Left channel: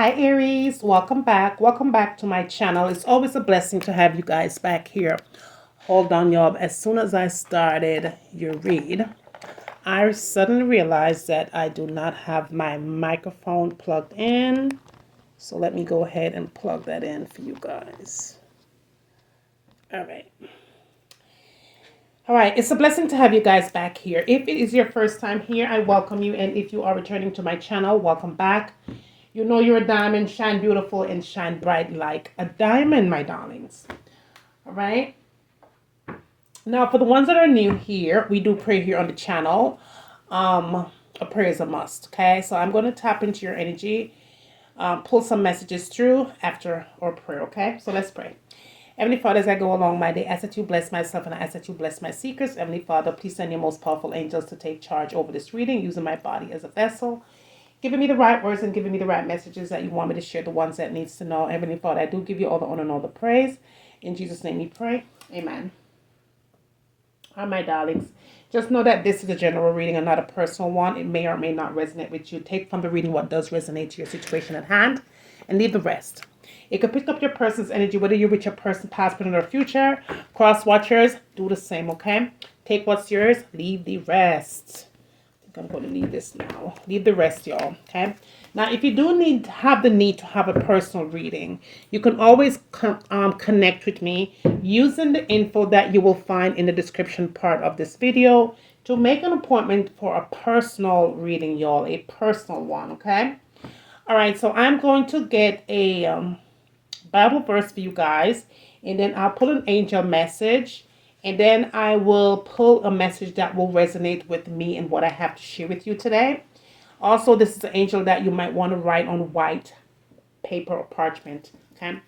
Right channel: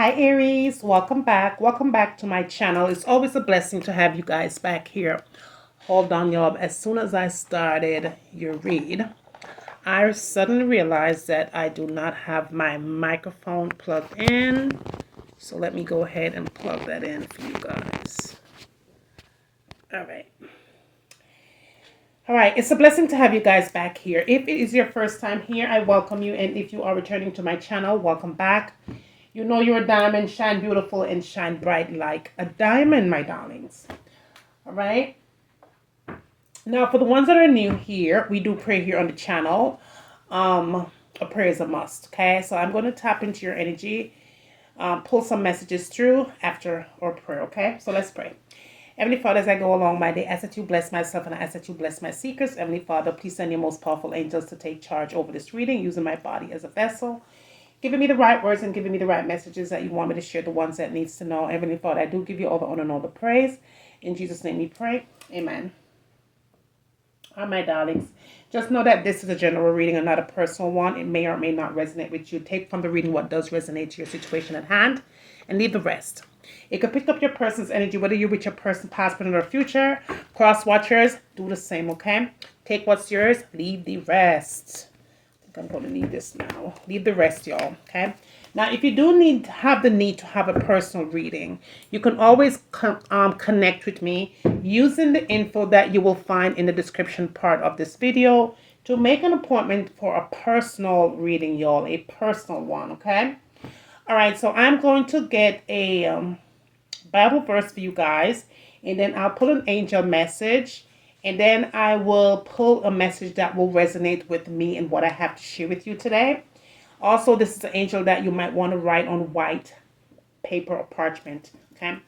Hi Aries, welcome back. Welcome back to my channel. It's always a blessing to have you guys back here. Hold on, y'all. As soon as I started your read, I suddenly realized that I do not have my microphone plugged in. So let me go ahead and plug that in for you guys. All right. All right, it's a blessing to have you guys back here. If it is your first time here, I welcome you. And if you are returning to my channel, welcome back. You know you're a diamond, shine beautiful and shine bright like a diamond, my darlings. All right. Now, for the ones that are new here, we do pray here on the channel. A prayer is a must, okay? So I'm going to tap into your energy, pull some messages through after our prayer, okay? So let's pray. Heavenly Father, as I go along my day, I ask that you bless myself and I ask that you bless my seekers. Heavenly Father, please send your most powerful angels to take charge over this reading, using my body as a vessel, giving me the right words and giving me the right messages that you want me to share, the ones that needs to know. Heavenly Father, I do give you all the honor and all the praise. In Jesus' name we pray. Amen. All right, my darlings. Just know that this is a general reading and not a personal one. It may or may not resonate with you. Take from the reading what does resonate to your situation at hand and leave the rest. It could pick up your person's energy, whether you're with your person, past, present, or future. Cross watchers, do the same, okay? Take what's yours, leave the rest. I think I'm going to leave this now. Leave the rest, y'all, okay? Now, if you do have the need to have a personal reading, you can always connect with me using the info that you will find in the description part of this video to make an appointment for a personal reading, y'all, a personal one, okay? All right, so I'm going to get a Bible verse for you guys, and then I'll pull an angel message, and then I will pull a message that will resonate with me and what I have to share with you today. Also, this is an angel that you might want to write on white paper or parchment, okay? All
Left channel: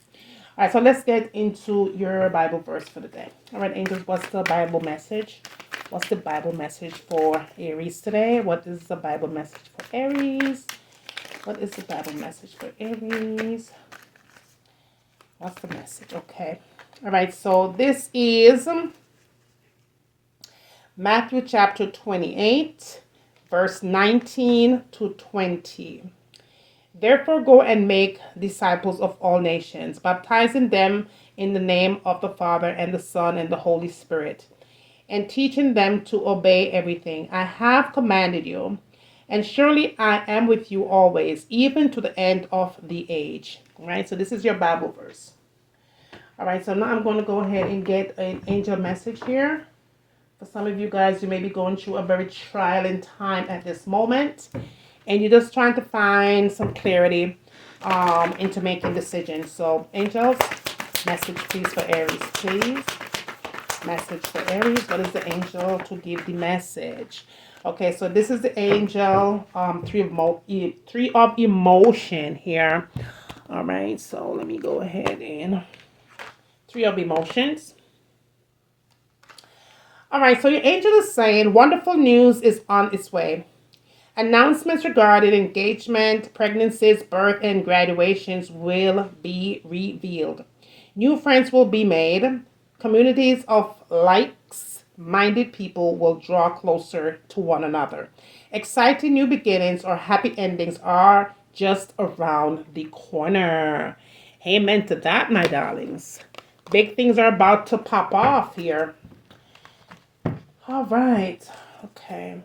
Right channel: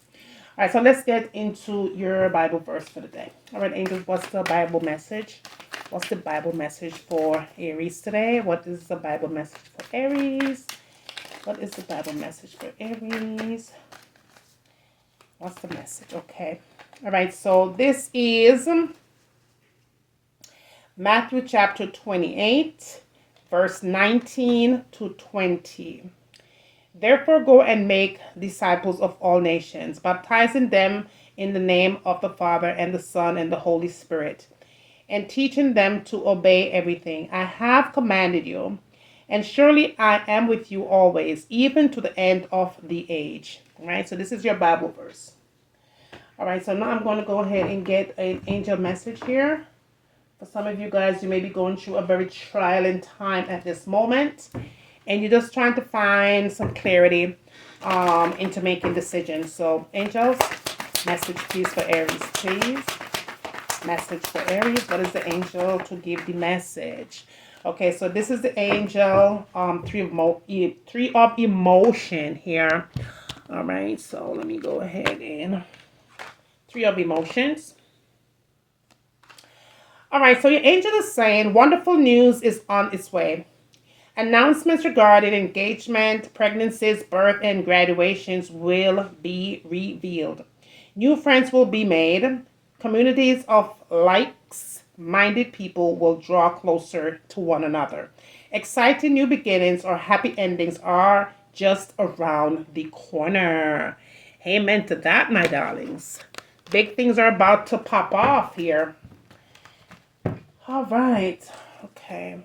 right, so let's get into your Bible verse for the day. All right, angels, what's the Bible message? What's the Bible message for Aries today? What is the Bible message for Aries? What is the Bible message for Aries? What's the message? Okay. All right, so this is Matthew chapter 28, verse 19 to 20. Therefore, go and make disciples of all nations, baptizing them in the name of the Father and the Son and the Holy Spirit, and teaching them to obey everything I have commanded you. And surely I am with you always, even to the end of the age. All right, so this is your Bible verse. All right, so now I'm going to go ahead and get an angel message here. For some of you guys, you may be going through a very trying time at this moment, and you're just trying to find some clarity into making decisions. So, angels, message please for Aries, please. Message for Aries. What is the angel to give the message? Okay, so this is the angel, three of emotion here. All right, so let me go ahead and three of emotions. All right, so your angel is saying wonderful news is on its way. Announcements regarding engagement, pregnancies, birth, and graduations will be revealed. New friends will be made. Communities of like-minded people will draw closer to one another. Exciting new beginnings or happy endings are just around the corner. Amen to that, my darlings. Big things are about to pop off here. All right. Okay.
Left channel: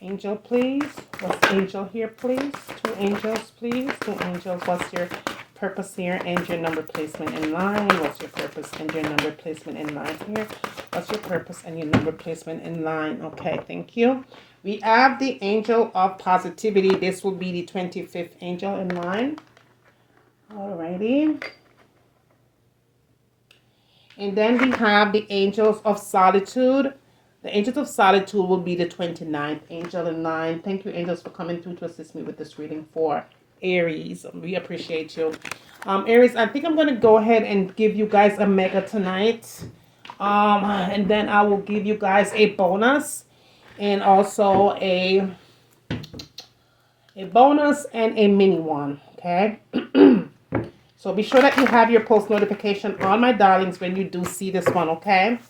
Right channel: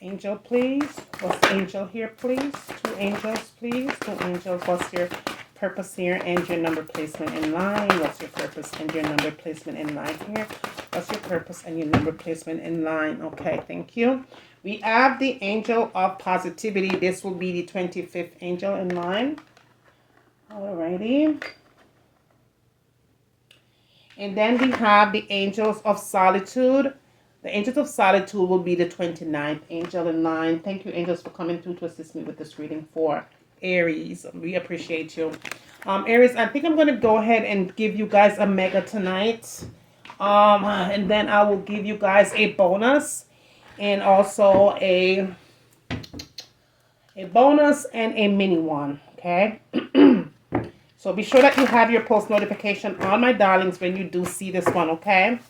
Angel, please. What's the angel here, please? Two angels, please. Two angels. What's your purpose here and your number placement in line? What's your purpose and your number placement in line here? What's your purpose and your number placement in line? Okay, thank you. We have the angel of positivity. This will be the 25th angel in line. Alrighty. And then we have the angels of solitude. The angels of solitude will be the 29th angel in line. Thank you, angels, for coming through to assist me with this reading for Aries. We appreciate you. Aries, I think I'm going to go ahead and give you guys a mega tonight. And then I will give you guys a bonus and also a bonus and a mini one, okay? So be sure that you have your post notification on, my darlings, when you do see this one, okay?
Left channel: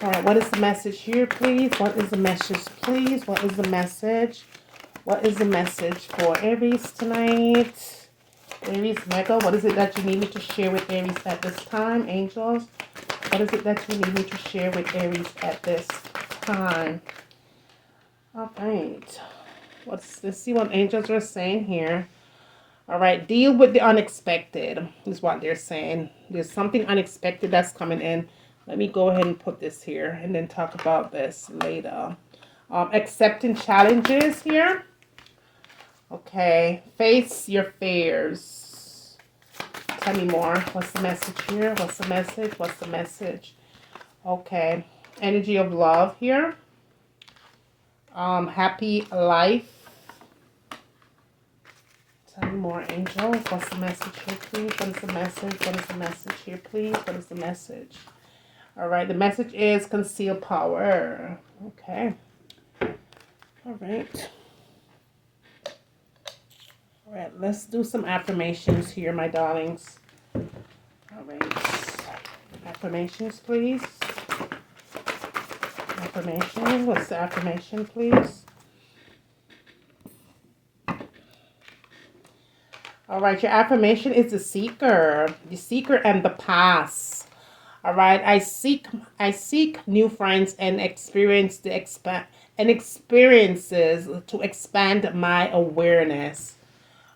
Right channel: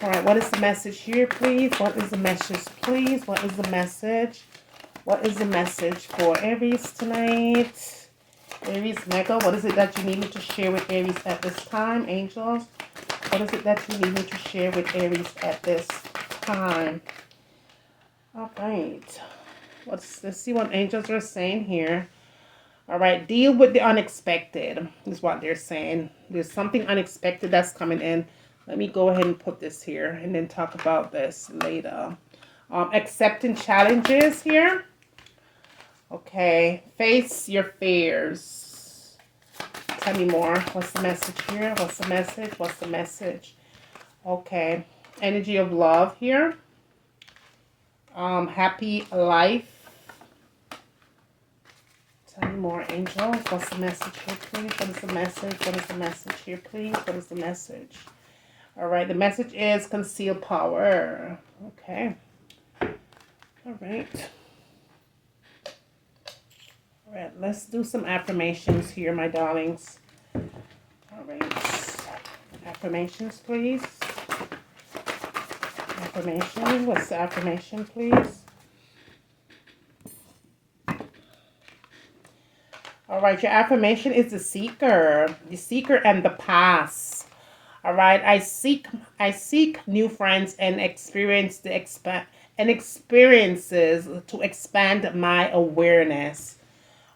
All right, what is the message here, please? What is the message, please? What is the message? What is the message for Aries tonight? Aries Mega, what is it that you need me to share with Aries at this time? Angels, what is it that you need me to share with Aries at this time? All right. Let's see what angels are saying here. All right, deal with the unexpected is what they're saying. There's something unexpected that's coming in. Let me go ahead and put this here and then talk about this later. Accepting challenges here. Okay, face your fears. Tell me more. What's the message here? What's the message? What's the message? Okay, energy of love here. Happy life. Tell me more, angels. What's the message here, please? What is the message? What is the message here, please? What is the message? All right, the message is conceal power. Okay. All right. All right, let's do some affirmations here, my darlings. All right. Affirmations, please. Affirmation. What's the affirmation, please? All right, your affirmation is the seeker and the past. All right, I seek new friends and experiences to expand my awareness.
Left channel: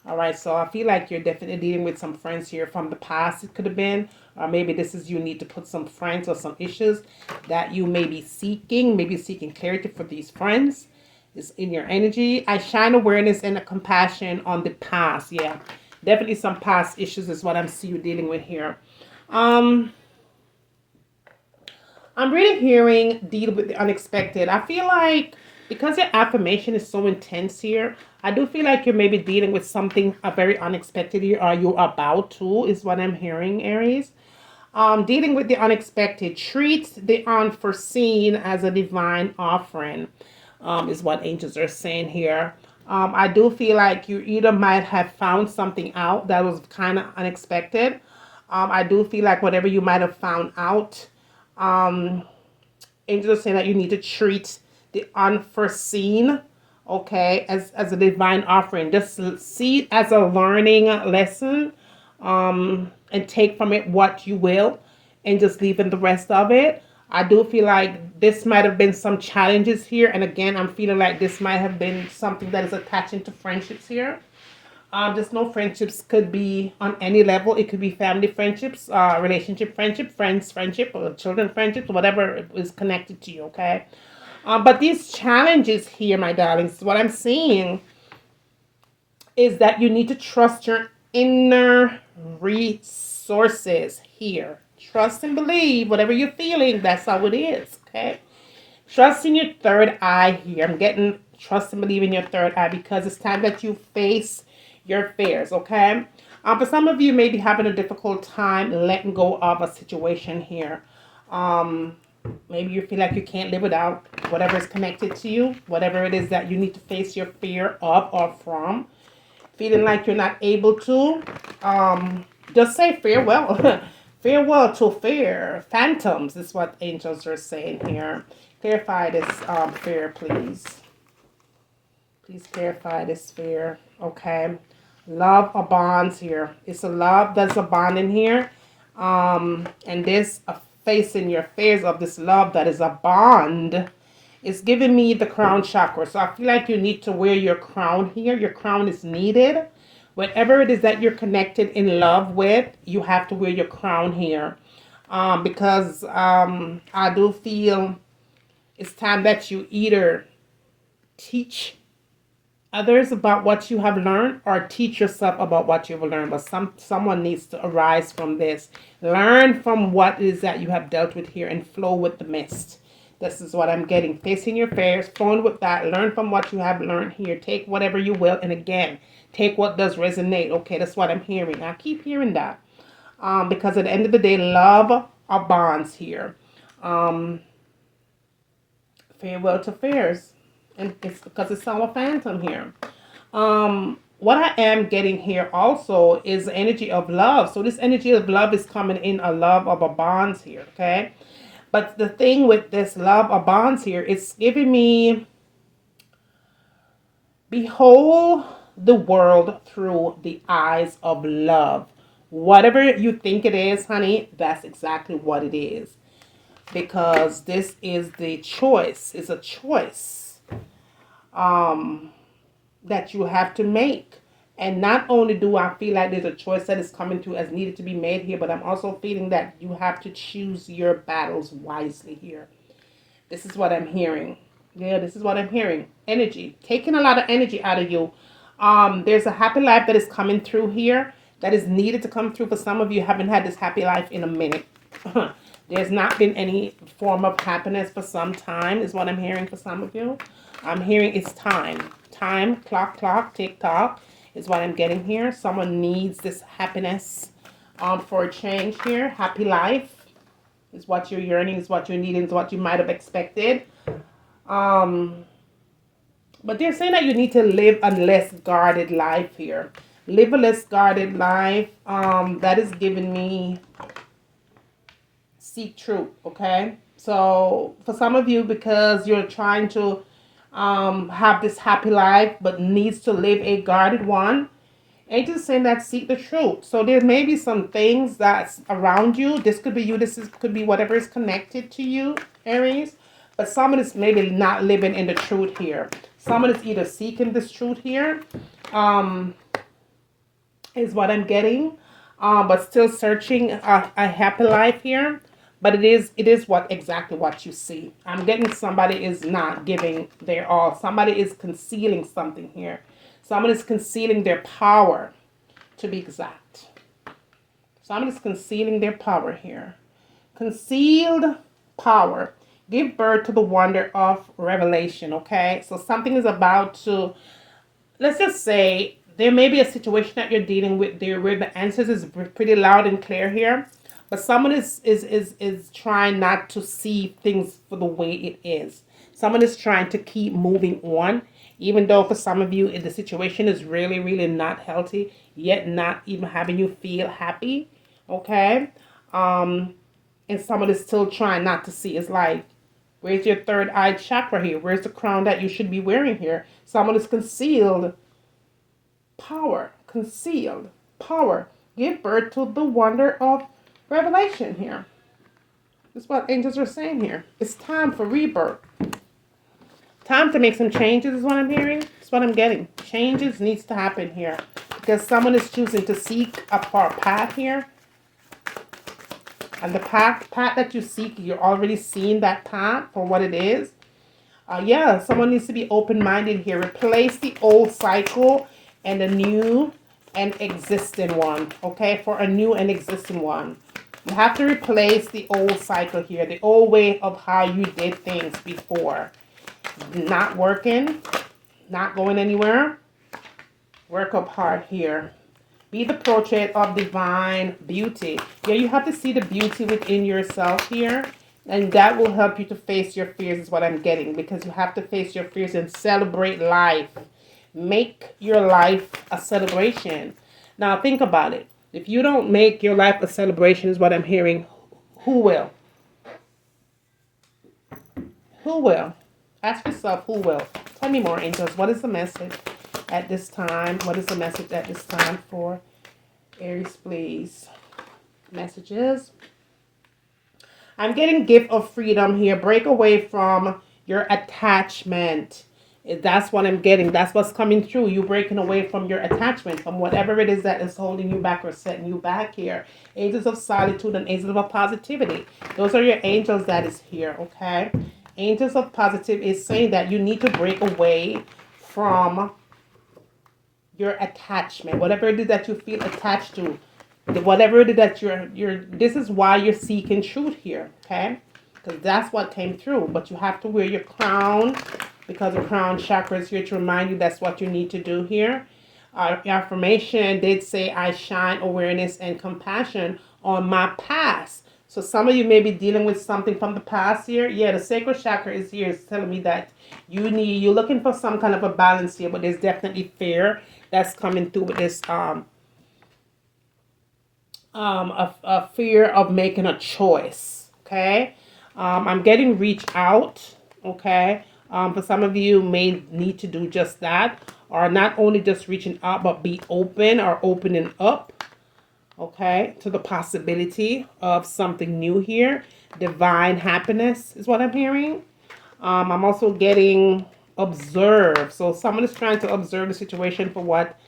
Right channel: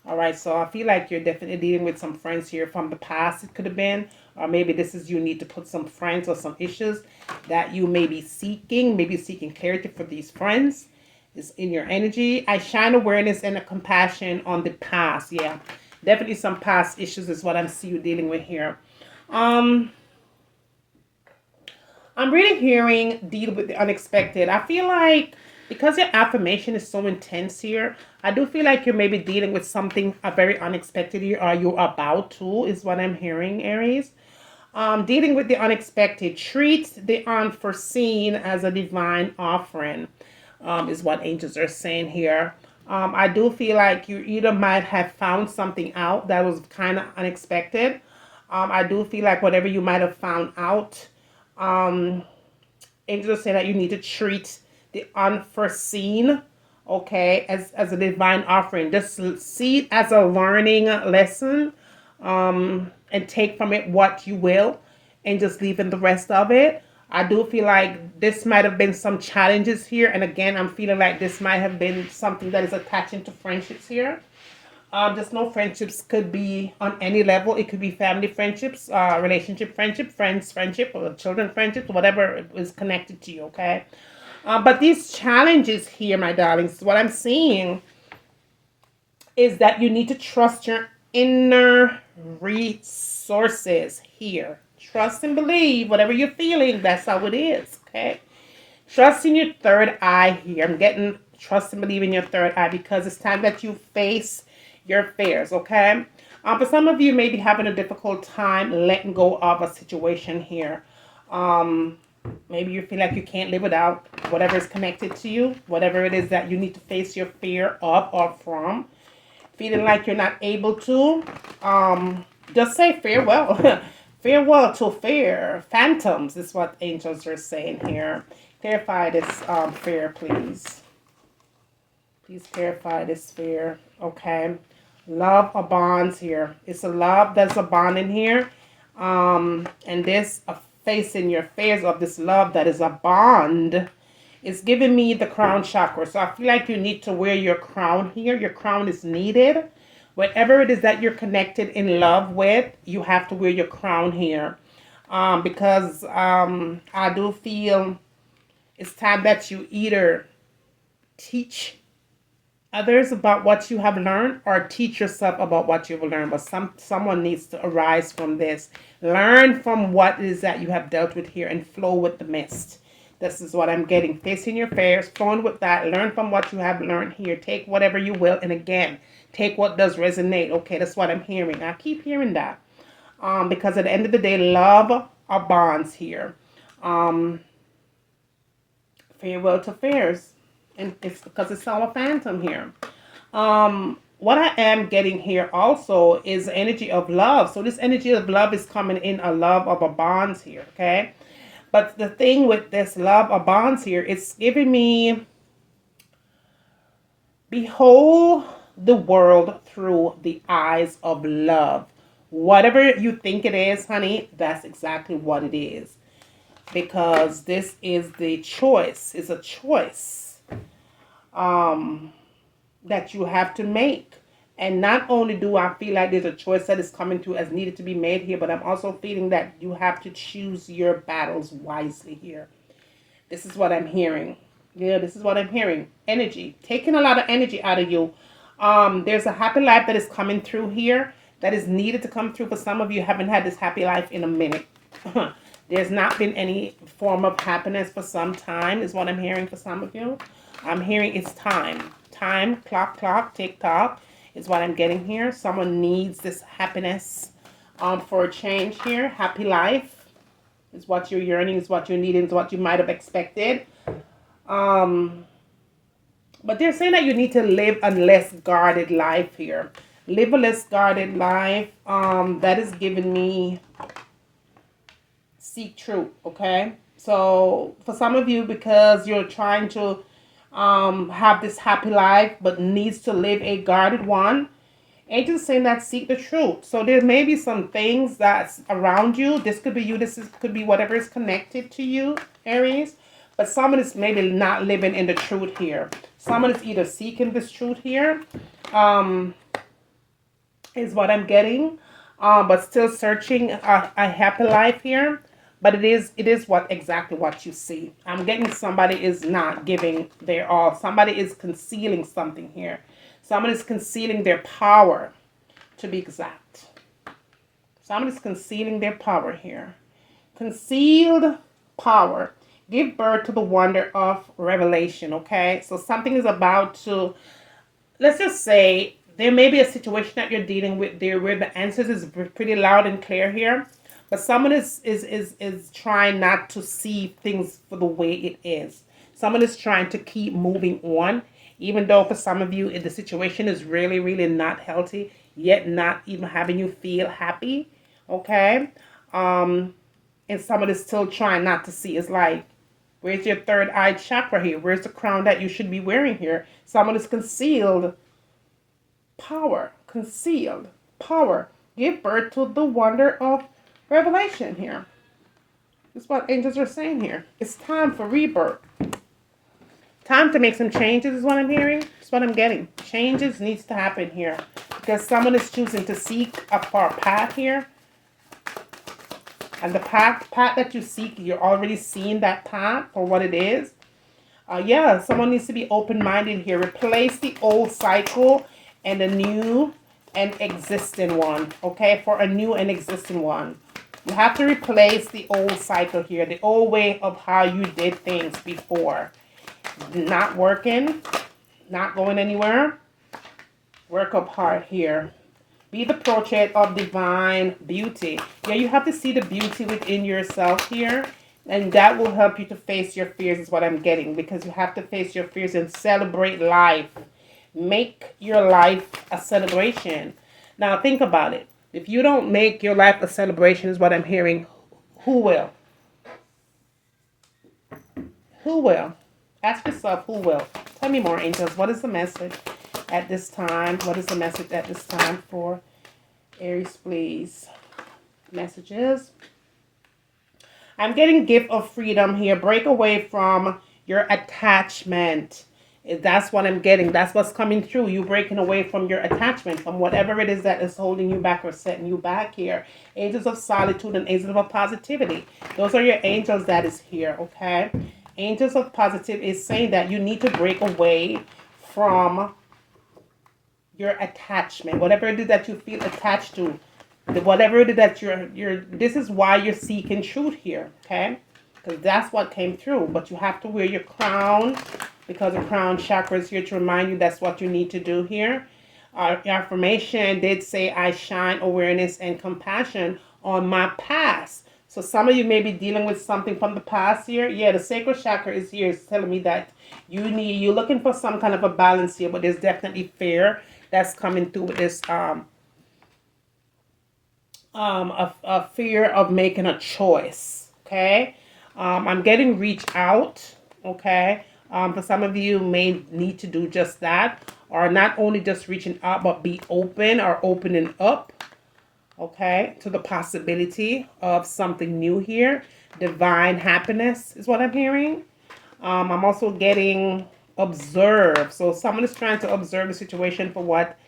All right, so I feel like you're definitely dealing with some friends here from the past. It could have been, or maybe this is you need to put some friends or some issues that you may be seeking, clarity for these friends. Is in your energy. I shine awareness and a compassion on the past. Yeah, definitely some past issues is what I'm seeing you dealing with here. I'm really hearing deal with the unexpected. I feel like because your affirmation is so intense here, I do feel like you're maybe dealing with something very unexpected here, or you're about to, is what I'm hearing, Aries. Dealing with the unexpected. Treat the unforeseen as a divine offering, is what angels are saying here. I do feel like you either might have found something out that was kind of unexpected. I do feel like whatever you might have found out, angels are saying that you need to treat the unforeseen, okay, as a divine offering. Just see it as a learning lesson, and take from it what you will, and just leaving the rest of it. I do feel like this might have been some challenges here, and again, I'm feeling like this might have been something that is attaching to friendships here. Just no friendships could be on any level. It could be family friendships, relationship friendship, friends friendship, or children friendships, whatever is connected to you, okay? But these challenges here, my darlings, what I'm seeing is that you need to trust your inner resources here. Trust and believe whatever you're feeling, that's how it is, okay? Trust in your third eye here. I'm getting trust and believe in your third eye because it's time that you face your fears, okay? For some of you, may be having a difficult time letting go of a situation here. Maybe you feel like you can't live without whatever is connected to you, whatever it is that you need to face your fear of or from. Feeling like you're not able to, just say farewell. Farewell to fear. Phantoms is what angels are saying here. Clarify this fear, please. Please clarify this fear. Okay. Love or bonds here. It's a love that's a bond in here. And this facing your fears of this love that is a bond. It's giving me the crown chakra. So I feel like you need to wear your crown here. Your crown is needed. Whatever it is that you're connected in love with, you have to wear your crown here. Because I do feel it's time that you either teach others about what you have learned or teach yourself about what you've learned. But someone needs to arise from this. Learn from what it is that you have dealt with here and flow with the mist. This is what I'm getting. Facing your fears, flowing with that. Learn from what you have learned here. Take whatever you will. And again, take what does resonate. Okay, that's what I'm hearing. I keep hearing that. Because at the end of the day, love are bonds here. Farewell to fears. And it's because it's all a phantom here. What I am getting here also is the energy of love. So this energy of love is coming in a love of a bonds here, okay? But the thing with this love of bonds here, it's giving me Behold the world through the eyes of love. Whatever you think it is, honey, that's exactly what it is. Because this is the choice. It's a choice that you have to make. And not only do I feel like there's a choice that is coming through as needed to be made here, but I'm also feeling that you have to choose your battles wisely here. This is what I'm hearing. Yeah, this is what I'm hearing. Energy. Taking a lot of energy out of you. There's a happy life that is coming through here that is needed to come through. For some of you, haven't had this happy life in a minute. There's not been any form of happiness for some time, is what I'm hearing for some of you. I'm hearing it's time. Time, clock, tick tock is what I'm getting here. Someone needs this happiness for a change here. Happy life is what you're yearning, is what you're needing, is what you might have expected. But they're saying that you need to live a less guarded life here. Live a less guarded life. That is giving me seek truth, okay? So for some of you, because you're trying to have this happy life but needs to live a guarded one, angels saying that seek the truth. So there may be some things that's around you. This could be you. Could be whatever is connected to you, Aries. But someone is maybe not living in the truth here. Someone is either seeking this truth here, is what I'm getting, but still searching a happy life here. But it is exactly what you see. I'm getting somebody is not giving their all. Somebody is concealing something here. Someone is concealing their power, to be exact. Someone is concealing their power here. Concealed power. Give birth to the wonder of revelation, okay? So something is about to, let's just say, there may be a situation that you're dealing with there where the answers is pretty loud and clear here. But someone is trying not to see things for the way it is. Someone is trying to keep moving on, even though for some of you the situation is really, really not healthy, yet not even having you feel happy, okay? And someone is still trying not to see. It's like, where's your third eye chakra here? Where's the crown that you should be wearing here? Someone is concealed power. Concealed power. Give birth to the wonder of revelation here. That's what angels are saying here. It's time for rebirth. Time to make some changes is what I'm hearing. That's what I'm getting. Changes needs to happen here. Because someone is choosing to seek a far path here. And the path that you seek, you're already seeing that path for what it is. Yeah, someone needs to be open-minded here. Replace the old cycle and a new and existing one. Okay, for a new and existing one. You have to replace the old cycle here. The old way of how you did things before. Not working. Not going anywhere. Work up hard here. Be the portrait of divine beauty. Yeah, you have to see the beauty within yourself here. And that will help you to face your fears is what I'm getting. Because you have to face your fears and celebrate life. Make your life a celebration. Now think about it. If you don't make your life a celebration is what I'm hearing, who will? Who will? Ask yourself, who will? Tell me more, angels. What is the message at this time? What is the message at this time for Aries, please? Messages. I'm getting gift of freedom here. Break away from your attachment. That's what I'm getting. That's what's coming through. You breaking away from your attachment, from whatever it is that is holding you back or setting you back here. Angels of solitude and angels of positivity. Those are your angels that is here, okay? Angels of positive is saying that you need to break away from your attachment. Whatever it is that you feel attached to. Whatever it is that this is why you're seeking truth here, okay? Because that's what came through. But you have to wear your crown. Because the crown chakra is here to remind you that's what you need to do here. Your affirmation did say, I shine awareness and compassion on my past. So some of you may be dealing with something from the past here. Yeah, the sacral chakra is here. It's telling me that you're looking for some kind of a balance here. But there's definitely fear that's coming through with this a fear of making a choice. Okay. I'm getting reach out. Okay. For some of you may need to do just that. or not only just reaching out, but be open or opening up, okay, to the possibility of something new here. Divine happiness is what I'm hearing. I'm also getting observe. So someone is trying to observe the situation for what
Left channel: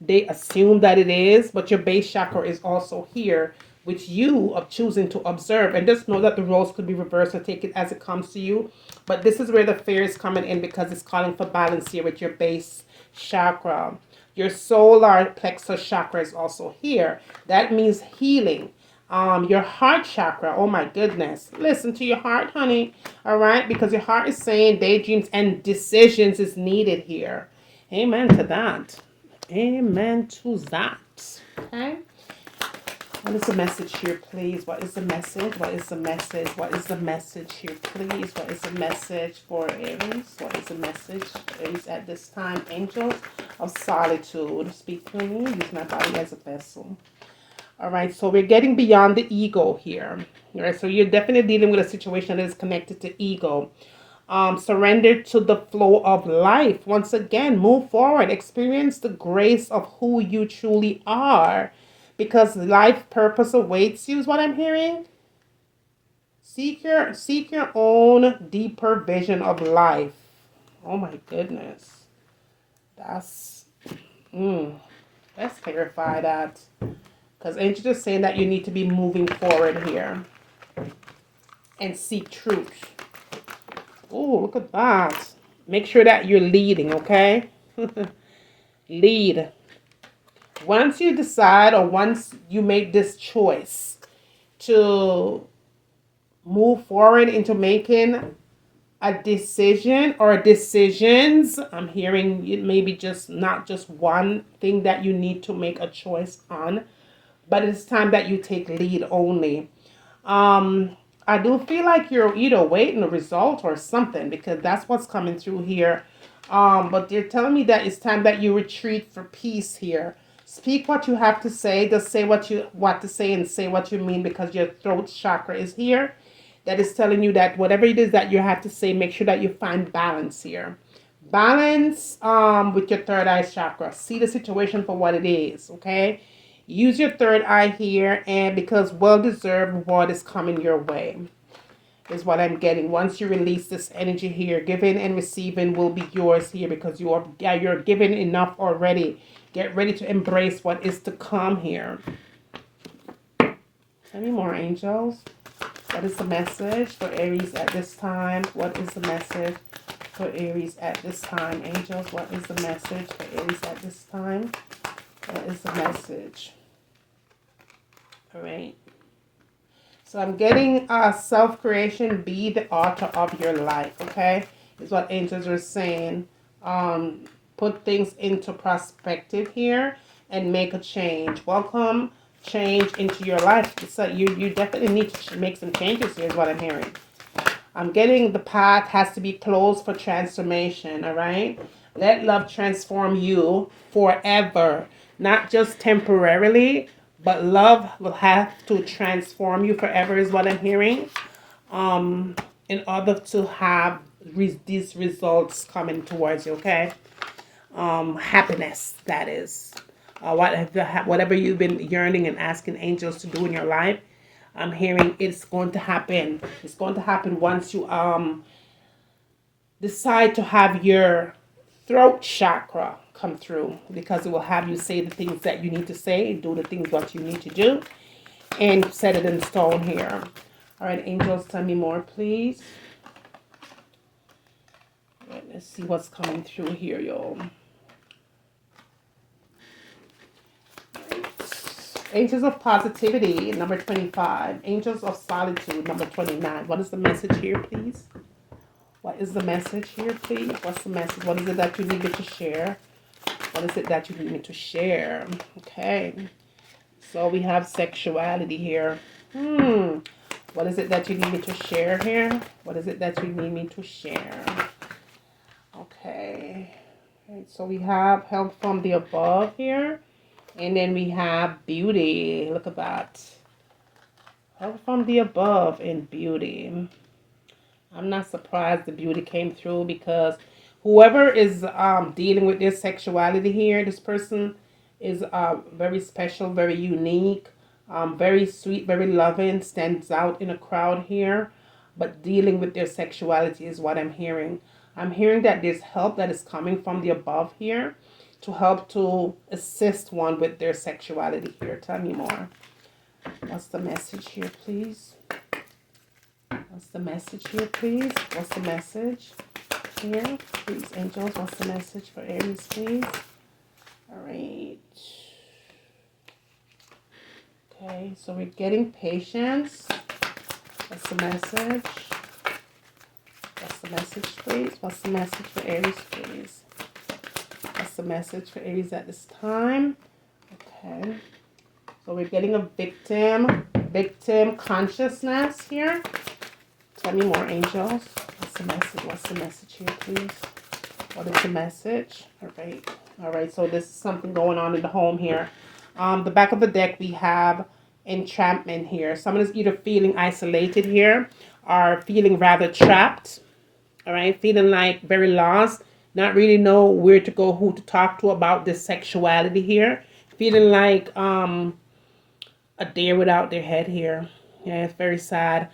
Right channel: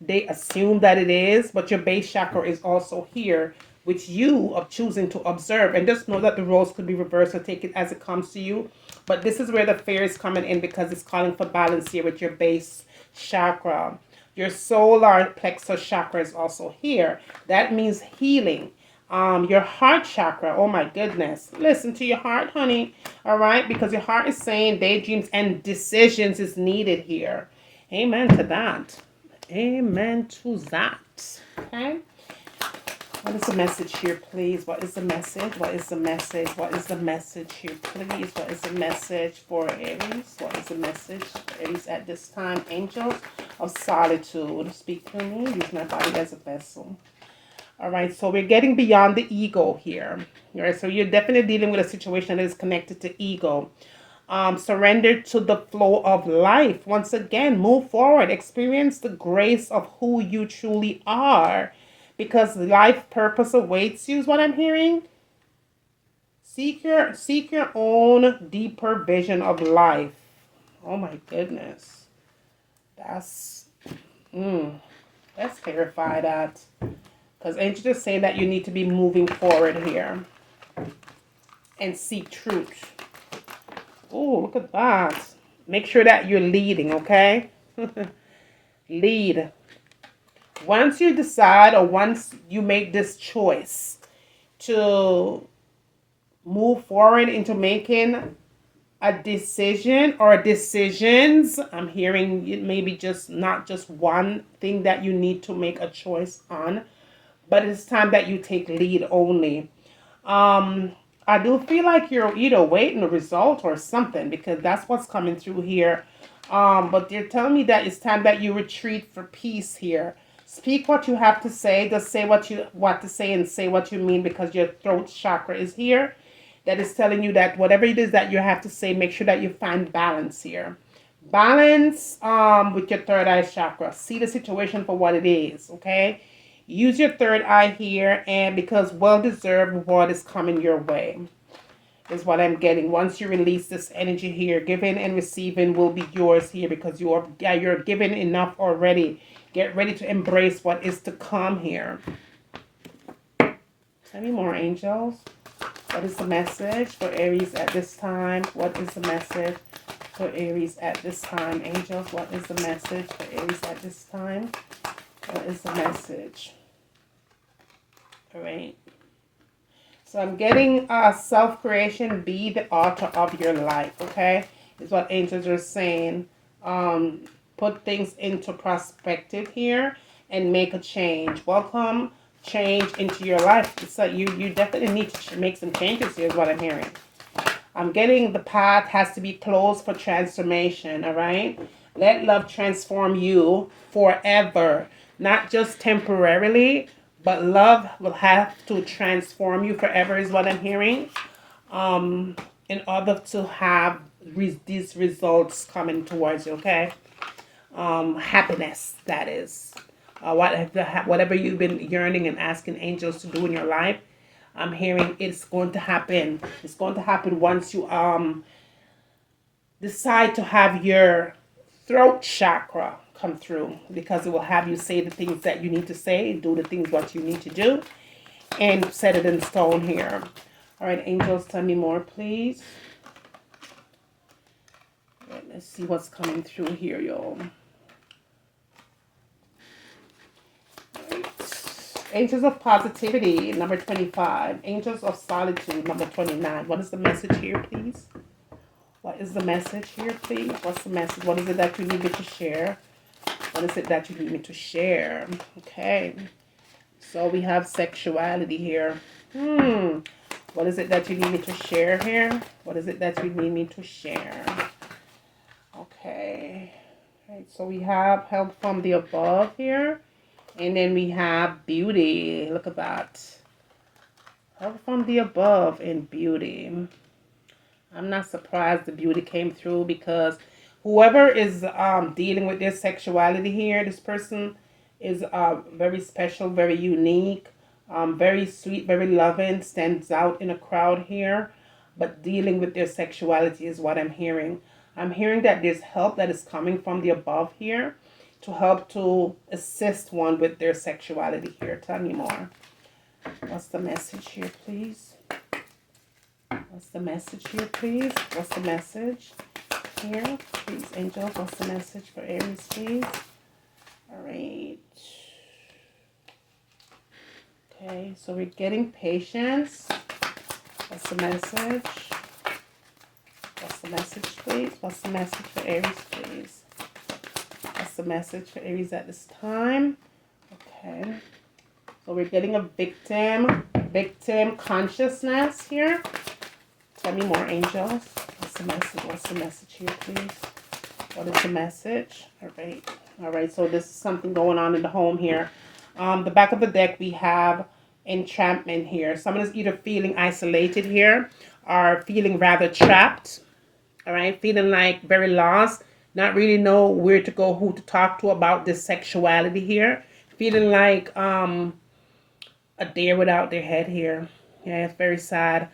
they assume that it is, but your base chakra is also here, which you are choosing to observe. And just know that the roles could be reversed, so take it as it comes to you. But this is where the fear is coming in, because it's calling for balance here with your base chakra. Your solar plexus chakra is also here. That means healing. Your heart chakra, oh my goodness, listen to your heart, honey. All right, because your heart is saying daydreams and decisions is needed here. Amen to that. Amen to that. Okay, what is the message here, please? What is the message? What is the message? What is the message here, please? What is the message for Aries? What is the message for Aries at this time? Angels of solitude, speak to me. Use my body as a vessel. All right, so we're getting beyond the ego here. All right, so you're definitely dealing with a situation that is connected to ego. Surrender to the flow of life. Once again, move forward. Experience the grace of who you truly are, because life purpose awaits you is what I'm hearing. Seek your own deeper vision of life. Oh my goodness. Let's clarify that. Because Angel just saying that you need to be moving forward here and seek truth. Oh, look at that. Make sure that you're leading, okay? Lead. Once you decide, or once you make this choice to move forward into making a decision or decisions, I'm hearing it maybe just not just one thing that you need to make a choice on, but it's time that you take lead only. I do feel like you're either waiting a result or something, because that's what's coming through here. But they're telling me that it's time that you retreat for peace here. Speak what you have to say. Just say what to say, and say what you mean, because your throat chakra is here. That is telling you that whatever it is that you have to say, make sure that you find balance here. Balance with your third eye chakra. See the situation for what it is, okay? Use your third eye here, and because well-deserved reward is coming your way, is what I'm getting. Once you release this energy here, giving and receiving will be yours here, because you're given enough already. Get ready to embrace what is to come here. Tell me more, angels. What is the message for Aries at this time? What is the message for Aries at this time? Angels, what is the message for Aries at this time? What is the message? All right. So I'm getting self-creation, be the author of your life, okay? Is what angels are saying. Put things into perspective here and make a change. Welcome change into your life. So you definitely need to make some changes here is what I'm hearing. I'm getting the path has to be closed for transformation, all right? Let love transform you forever, not just temporarily, but love will have to transform you forever is what I'm hearing. In order to have these results coming towards you, okay? Happiness, that is. Whatever you've been yearning and asking angels to do in your life, I'm hearing it's going to happen. It's going to happen once you decide to have your throat chakra come through, because it will have you say the things that you need to say, do the things what you need to do, and set it in stone here. All right, angels, tell me more, please. All right, let's see what's coming through here, y'all. Angels of positivity, number 25. Angels of solitude, number 29. What is the message here, please? What is the message here, please? What's the message? What is it that you need me to share? What is it that you need me to share? Okay. So we have sexuality here. What is it that you need me to share here? What is it that you need me to share? Okay. All right, so we have help from the above here. And then we have beauty. Look at that. Help from the above and beauty. I'm not surprised the beauty came through, because Whoever is dealing with their sexuality here, this person is very special, very unique, very sweet, very loving, stands out in a crowd here. But dealing with their sexuality is what I'm hearing. I'm hearing that there's help that is coming from the above here to help to assist one with their sexuality here. Tell me more. What's the message here, please? What's the message here, please? What's the message here? Please, angels, what's the message for Aries, please? All right. Okay, so we're getting patience. What's the message? What's the message, please? What's the message for Aries, please? What's the message for Aries at this time? Okay. So we're getting a victim consciousness here. Tell me more, angels. What's the message? What's the message here, please? What is the message? All right. All right. So this is something going on in the home here. The back of the deck, we have entrapment here. Someone is either feeling isolated here or feeling rather trapped. All right. Feeling like very lost. Not really know where to go, who to talk to about this sexuality here. Feeling like a deer without their head here. Yeah, it's very sad.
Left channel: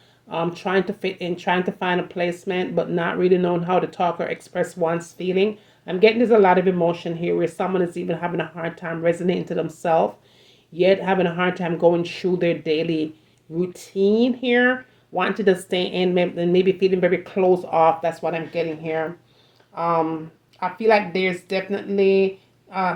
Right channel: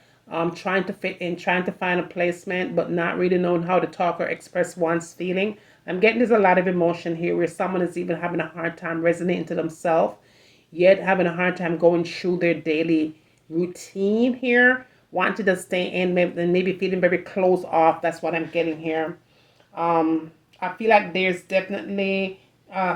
Trying to fit in, trying to find a placement, but not really knowing how to talk or express one's feeling. I'm getting there's a lot of emotion here where someone is even having a hard time resonating to themselves, yet having a hard time going through their daily routine here, wanting to stay in and maybe feeling very closed off. That's what I'm getting here. I feel like there's definitely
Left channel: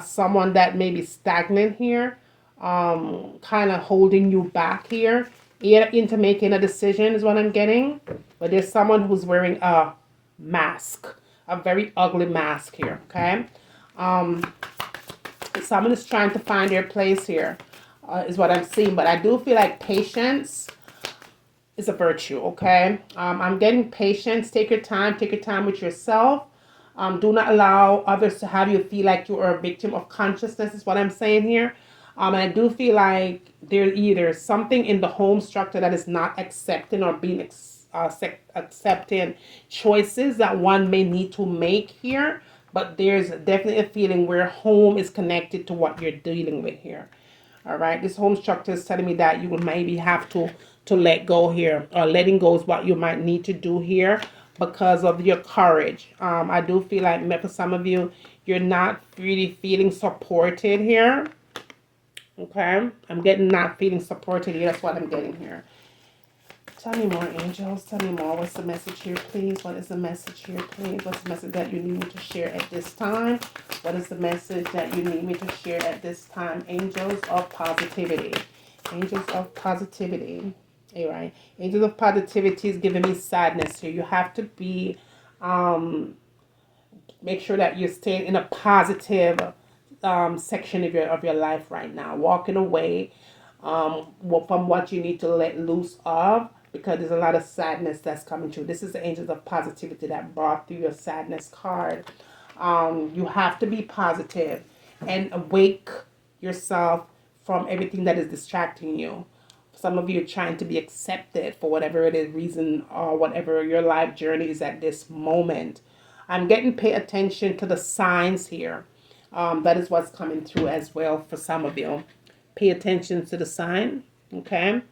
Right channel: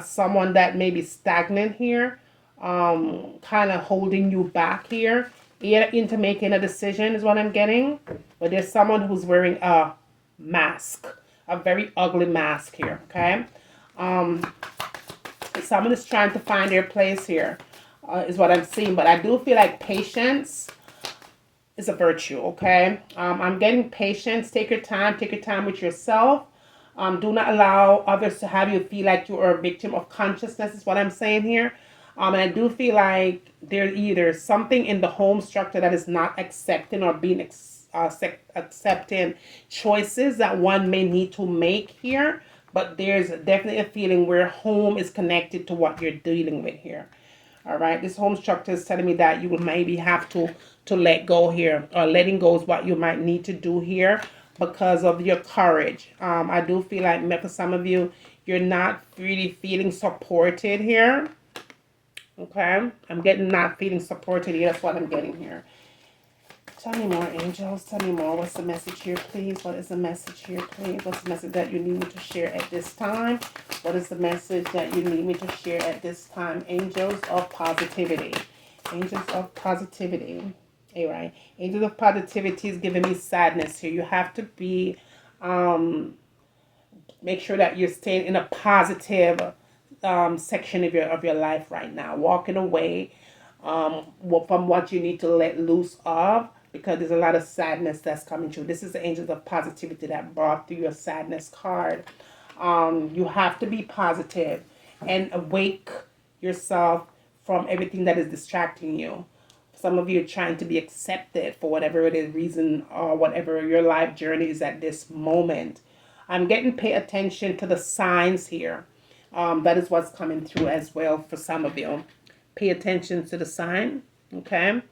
someone that may be stagnant here, kind of holding you back here into making a decision is what I'm getting. But there's someone who's wearing a mask, a very ugly mask here, okay? Someone is trying to find their place here, is what I'm seeing. But I do feel like patience is a virtue, okay? I'm getting patience. Take your time with yourself. Do not allow others to have you feel like you are a victim of consciousness is what I'm saying here. And I do feel like there's either something in the home structure that is not accepting or being accepting choices that one may need to make here. But there's definitely a feeling where home is connected to what you're dealing with here. All right. This home structure is telling me that you will maybe have to let go here, or letting go is what you might need to do here because of your courage. I do feel like for some of you, you're not really feeling supported here. Okay, I'm getting not feeling supported here. That's what I'm getting here. Tell me more, angels. Tell me more. What's the message here, please? What is the message here, please? What's the message that you need me to share at this time? What is the message that you need me to share at this time? Angels of positivity. Angels of positivity. All right. Angels of positivity is giving me sadness here. You have to be, make sure that you're staying in a positive section of your life right now, walking away from what you need to let loose of, because there's a lot of sadness that's coming through. This is the angels of positivity that brought through your sadness card. You have to be positive and awake yourself from everything that is distracting you. Some of you are trying to be accepted for whatever it is, reason or whatever your life journey is at this moment. I'm getting pay attention to the signs here. That is what's coming through as well for some of you. Pay attention to the sign, okay?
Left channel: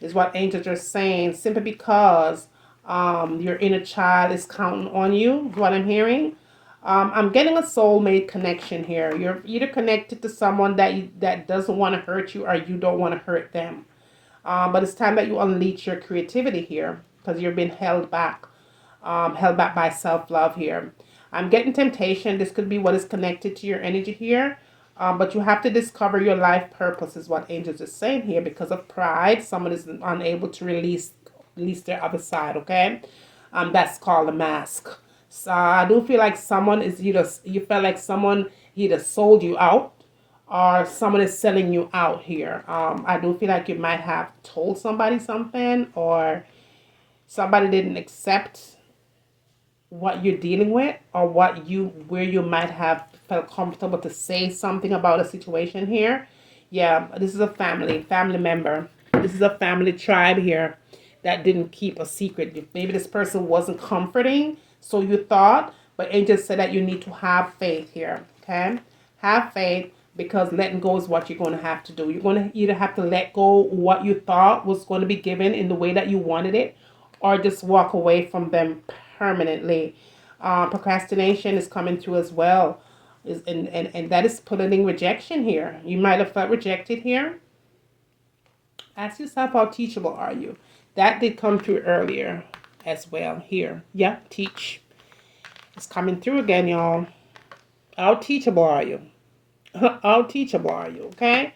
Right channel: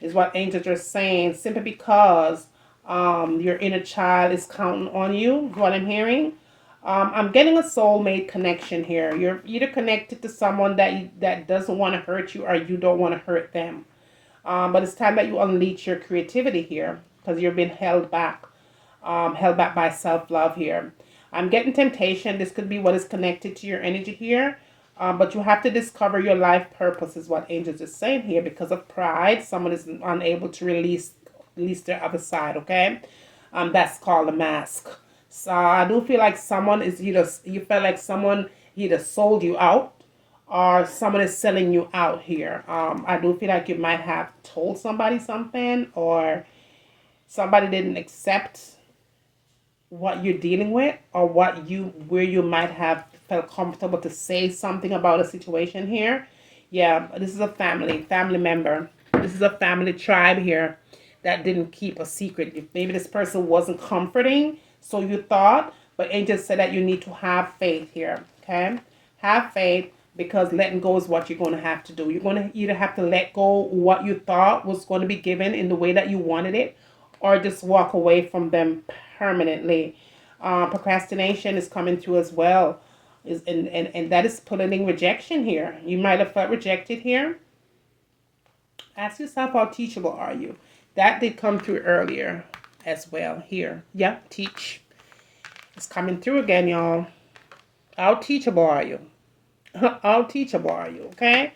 Is what angels are saying. Simply because your inner child is counting on you, is what I'm hearing. I'm getting a soulmate connection here. You're either connected to someone that doesn't want to hurt you, or you don't want to hurt them. But it's time that you unleash your creativity here, because you're being held back by self-love here. I'm getting temptation. This could be what is connected to your energy here. But you have to discover your life purpose is what angels are saying here. Because of pride, someone is unable to release their other side, okay? That's called a mask. So I do feel like someone is you felt like someone either sold you out, or someone is selling you out here. I do feel like you might have told somebody something, or somebody didn't accept what you're dealing with, or where you might have felt comfortable to say something about a situation here. Yeah, this is a family member. This is a family tribe here that didn't keep a secret. Maybe this person wasn't comforting, so you thought, But angels said that you need to have faith here, okay? Have faith, because letting go is what you're going to have to do. You're going to either have to let go what you thought was going to be given in the way that you wanted it, or just walk away from them permanently. Procrastination is coming through as well. And that is pulling rejection here. You might have felt rejected here. Ask yourself, how teachable are you? That did come through earlier as well here. Yeah, teach. It's coming through again, y'all. How teachable are you? How teachable are you? Okay?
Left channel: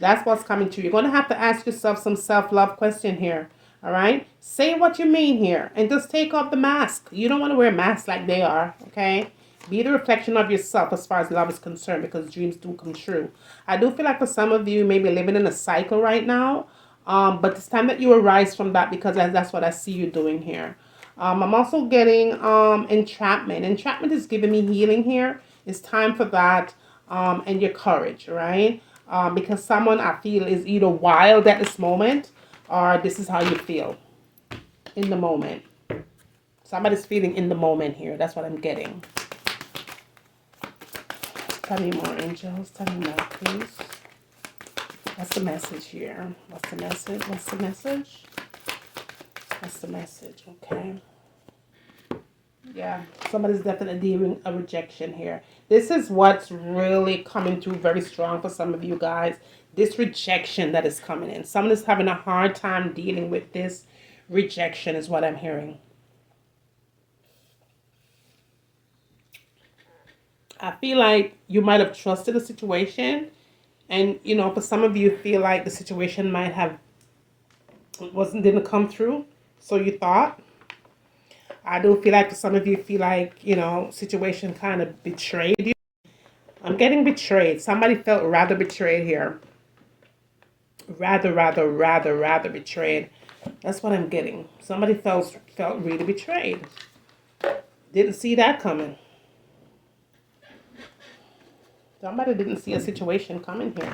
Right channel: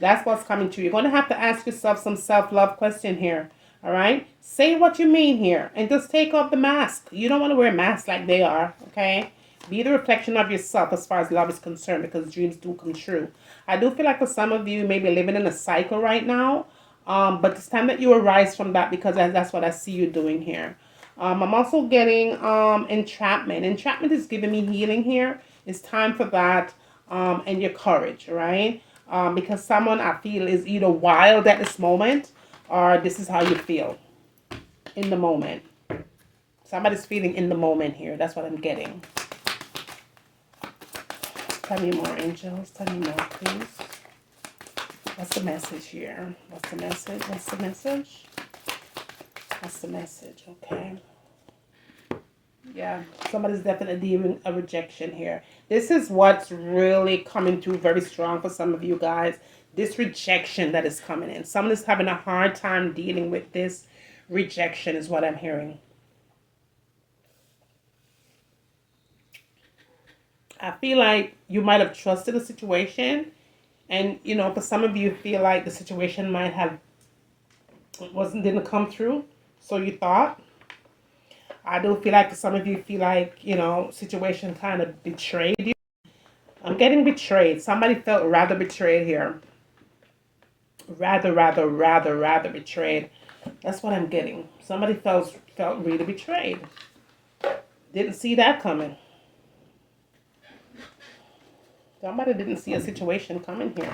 That's what's coming through. You're going to have to ask yourself some self-love question here. All right? Say what you mean here and just take off the mask. You don't want to wear masks like they are. Okay? Be the reflection of yourself as far as love is concerned, because dreams do come true. I do feel like for some of you may be living in a cycle right now. But it's time that you arise from that, because that's what I see you doing here. I'm also getting entrapment. Entrapment is giving me healing here. It's time for that, and your courage, right? Because someone I feel is either wild at this moment, or this is how you feel in the moment. Somebody's feeling in the moment here. That's what I'm getting. Tell me more, angels. Tell me more, please. What's the message here? What's the message? What's the message? What's the message? Okay. Yeah, somebody's definitely dealing a rejection here. This is what's really coming through very strong for some of you guys. This rejection that is coming in. Someone is having a hard time dealing with this rejection is what I'm hearing. I feel like you might have trusted a situation, and you know, for some of you feel like the situation might have didn't come through, so you thought. I do feel like for some of you feel like, you know, situation kind of betrayed you. I'm getting betrayed. Somebody felt rather betrayed here. Rather betrayed. That's what I'm getting. Somebody felt really betrayed. Didn't see that coming. Somebody didn't see a situation coming here.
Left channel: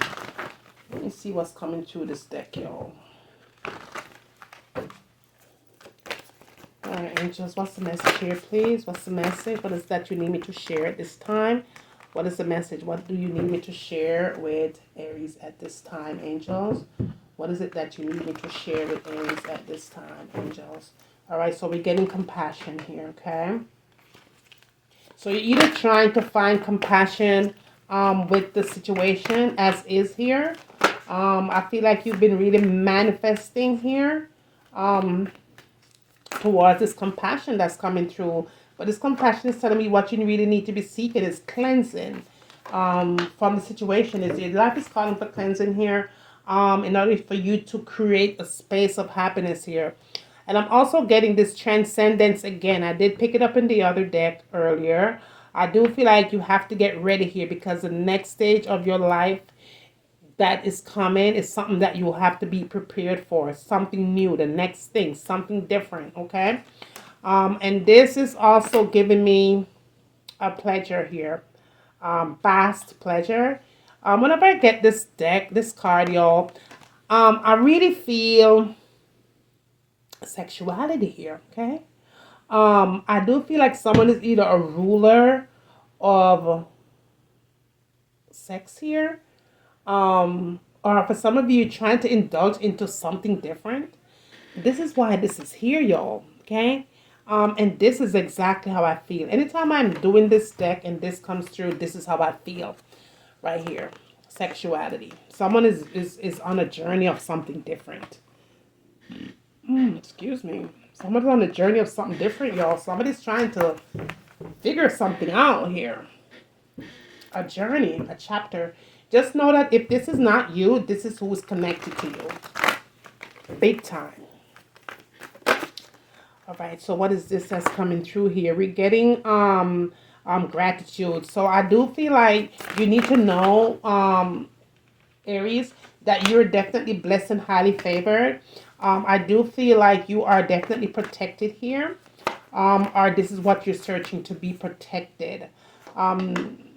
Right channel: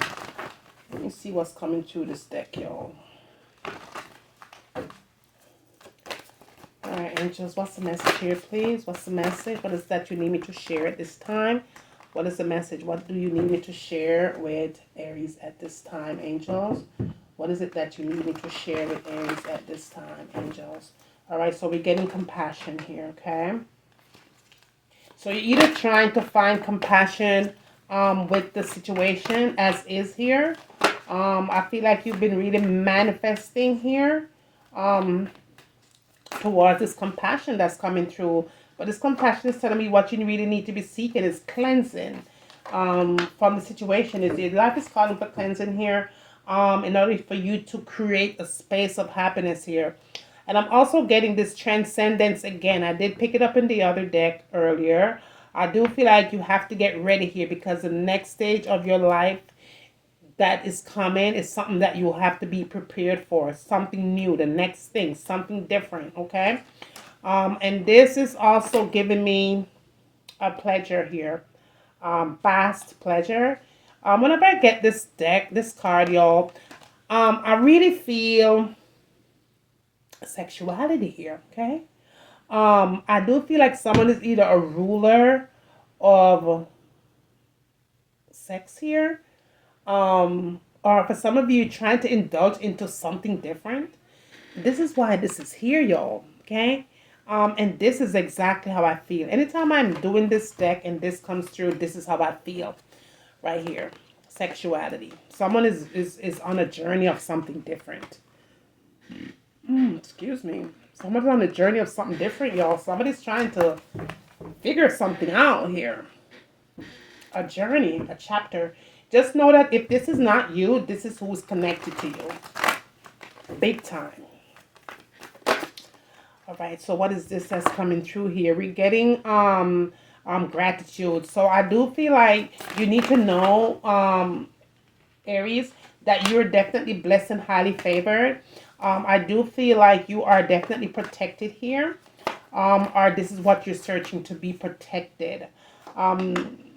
Let me see what's coming through this deck, y'all. All right, angels, what's the message here, please? What's the message? What is that you need me to share at this time? What is the message? What do you need me to share with Aries at this time, angels? What is it that you need me to share with Aries at this time, angels? All right, so we're getting compassion here, okay? So you're either trying to find compassion with the situation as is here. I feel like you've been really manifesting here. Towards this compassion that's coming through. But this compassion is telling me what you really need to be seeking is cleansing from the situation. Your life is calling for cleansing here in order for you to create a space of happiness here. And I'm also getting this transcendence again. I did pick it up in the other deck earlier. I do feel like you have to get ready here, because the next stage of your life that is coming is something that you will have to be prepared for. Something new, the next thing, something different, okay? And this is also giving me a pleasure here. Vast pleasure. Whenever I get this deck, this card, y'all, I really feel sexuality here, okay? I do feel like someone is either a ruler of sex here, or for some of you trying to indulge into something different. This is why this is here, y'all, okay? And this is exactly how I feel. Anytime I'm doing this deck and this comes through, this is how I feel right here. Sexuality. Someone is on a journey of something different. Excuse me. Someone's on a journey of something different, y'all. Somebody's trying to figure something out here. A journey, a chapter. Just know that if this is not you, this is who's connected to you. Big time. All right, so what is this that's coming through here? We're getting gratitude. So I do feel like you need to know, Aries, that you're definitely blessed and highly favored. I do feel like you are definitely protected here. Or this is what you're searching, to be protected.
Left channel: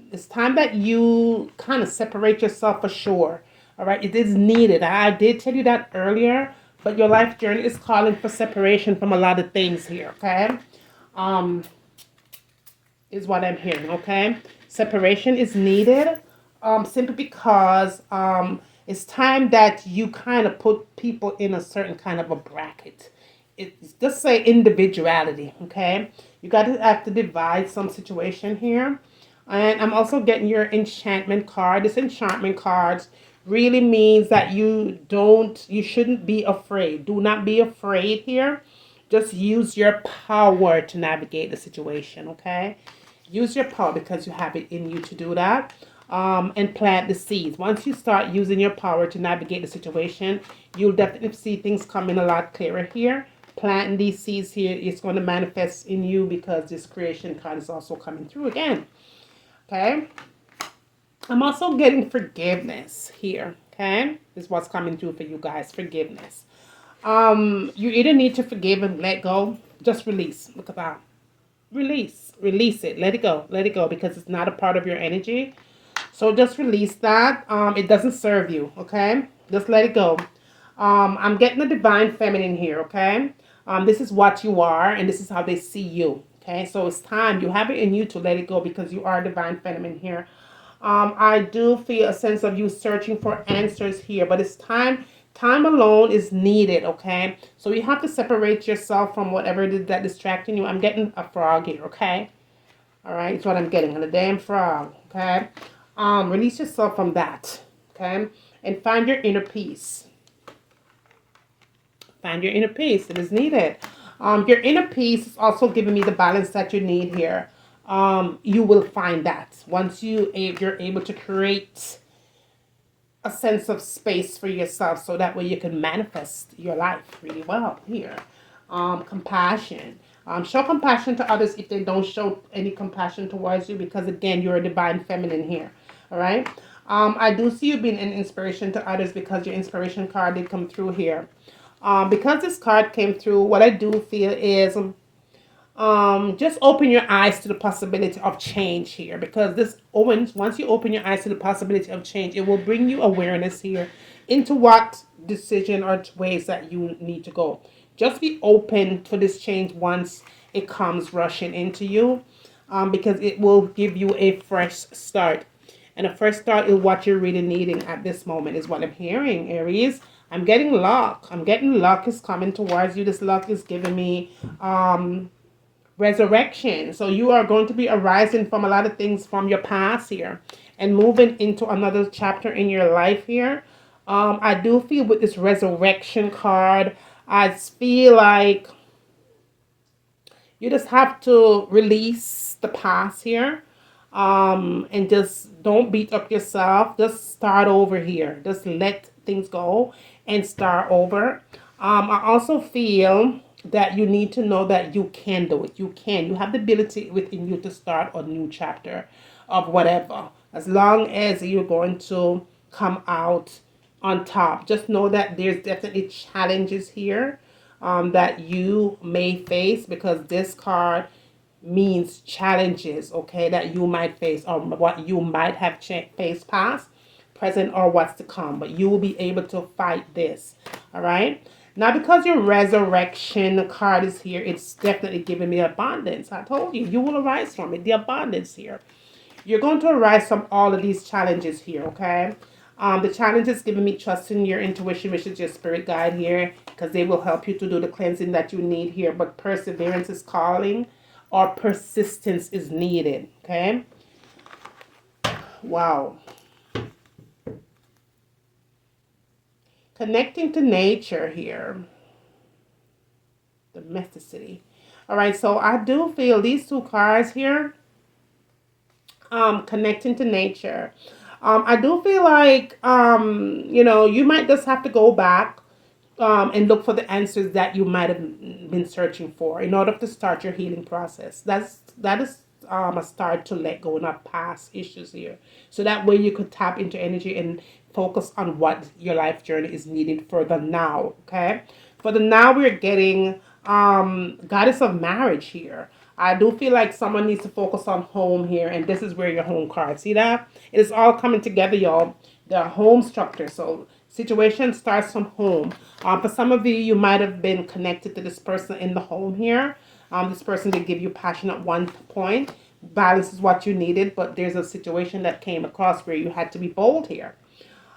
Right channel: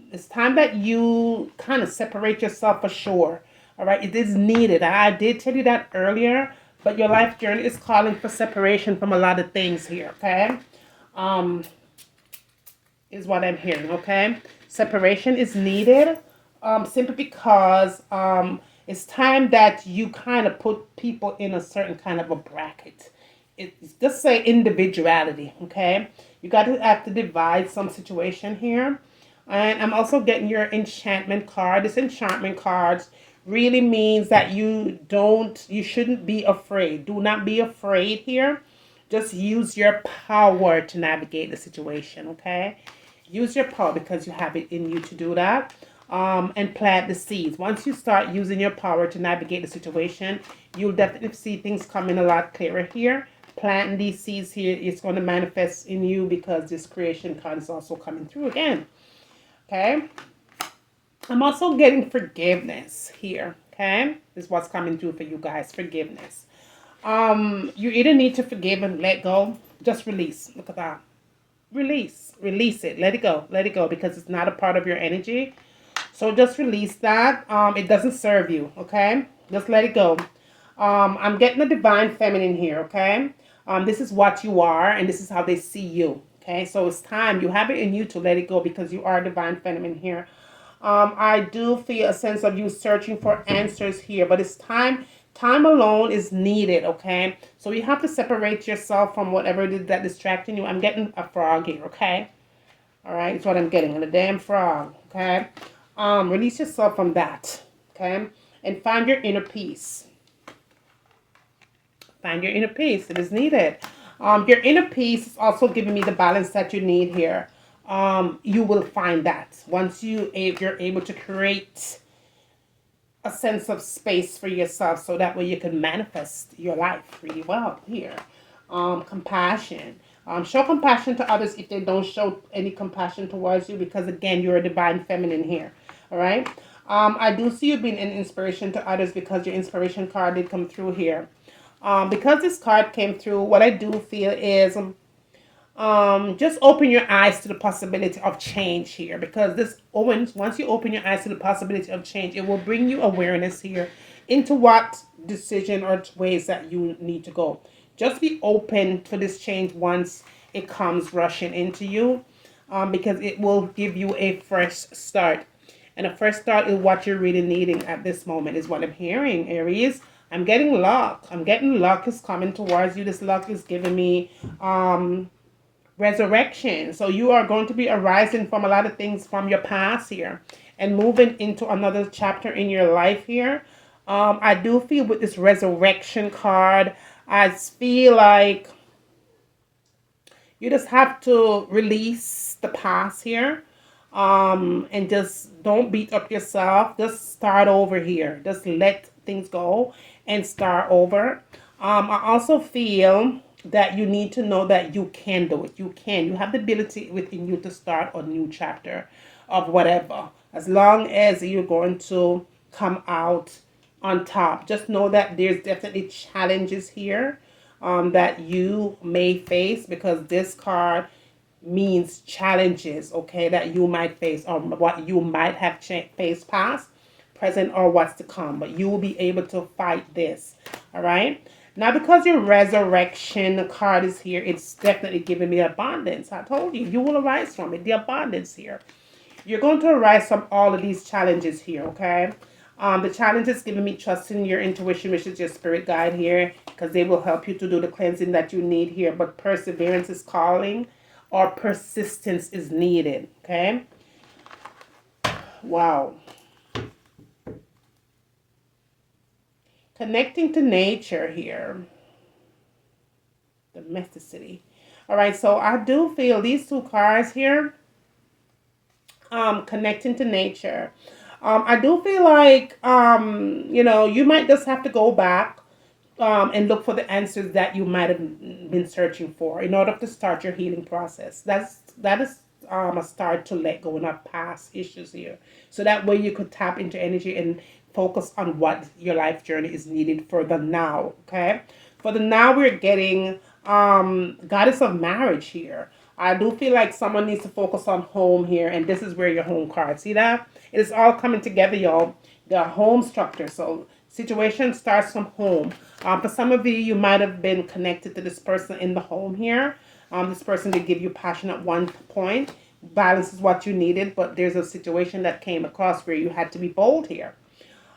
It's time that you kind of separate yourself for sure. All right, it is needed. I did tell you that earlier, but your life journey is calling for separation from a lot of things here, okay? is what I'm hearing, okay? Separation is needed simply because it's time that you kind of put people in a certain kind of a bracket. It's just say individuality, okay? You got to have to divide some situation here. And I'm also getting your enchantment card. This enchantment card really means that you shouldn't be afraid. Do not be afraid here. Just use your power to navigate the situation, okay? Use your power because you have it in you to do that. And plant the seeds. Once you start using your power to navigate the situation, you'll definitely see things coming a lot clearer here. Planting these seeds here is going to manifest in you because this creation card is also coming through again. Okay. I'm also getting forgiveness here. Okay. This is what's coming through for you guys. Forgiveness. You either need to forgive and let go. Just release. Look at that. Release it. Let it go. Let it go because it's not a part of your energy. So just release that. It doesn't serve you. Okay. Just let it go. I'm getting the divine feminine here. Okay. This is what you are, and this is how they see you. Okay. So it's time. You have it in you to let it go because you are divine feminine here. I do feel a sense of you searching for answers here, but it's time. Time alone is needed, okay? So you have to separate yourself from whatever it is that distracting you. I'm getting a frog here, okay? All right, it's what I'm getting, a damn frog, okay? Release yourself from that, okay? And find your inner peace. Find your inner peace. It is needed. Your inner peace is also giving me the balance that you need here. You will find that once you're able to create a sense of space for yourself, so that way you can manifest your life really well here. Compassion. Show compassion to others if they don't show any compassion towards you, because again, you're a divine feminine here. All right. I do see you being an inspiration to others because your inspiration card did come through here. Because this card came through, what I do feel is just open your eyes to the possibility of change here, because this opens, once you open your eyes to the possibility of change, it will bring you awareness here into what decision or ways that you need to go. Just be open to this change once it comes rushing into you, because it will give you a fresh start. And a fresh start is what you're really needing at this moment, is what I'm hearing, Aries. I'm getting luck. I'm getting luck is coming towards you. This luck is giving me resurrection. So you are going to be arising from a lot of things from your past here and moving into another chapter in your life here. I do feel with this resurrection card, I feel like you just have to release the past here. And just don't beat up yourself. Just start over here. Just let things go and start over. I also feel that you need to know that you can do it. You can. You have the ability within you to start a new chapter of whatever. As long as you're going to come out on top. Just know that there's definitely challenges here that you may face, because this card means challenges, okay, that you might face, or what you might have faced past, present, or what's to come. But you will be able to fight this, all right? Now, because your resurrection card is here, it's definitely giving me abundance. I told you, you will arise from it, the abundance here. You're going to arise from all of these challenges here, okay? The challenge is giving me trust in your intuition, which is your spirit guide here, because they will help you to do the cleansing that you need here. But perseverance is calling, or persistence is needed, okay? Wow. Connecting to nature here. Domesticity. All right, so I do feel these two cards here, connecting to nature. I do feel like, you might just have to go back and look for the answers that you might have been searching for in order to start your healing process. That is a start to let go of past issues here. So that way you could tap into energy and focus on what your life journey is needed for the now, okay? For the now, we're getting goddess of marriage here. I do feel like someone needs to focus on home here, and this is where your home card. See that? It is all coming together, y'all. The home structure. So situation starts from home. For some of you might have been connected to this person in the home here. This person did give you passion at one point, balance is what you needed, but there's a situation that came across where you had to be bold here.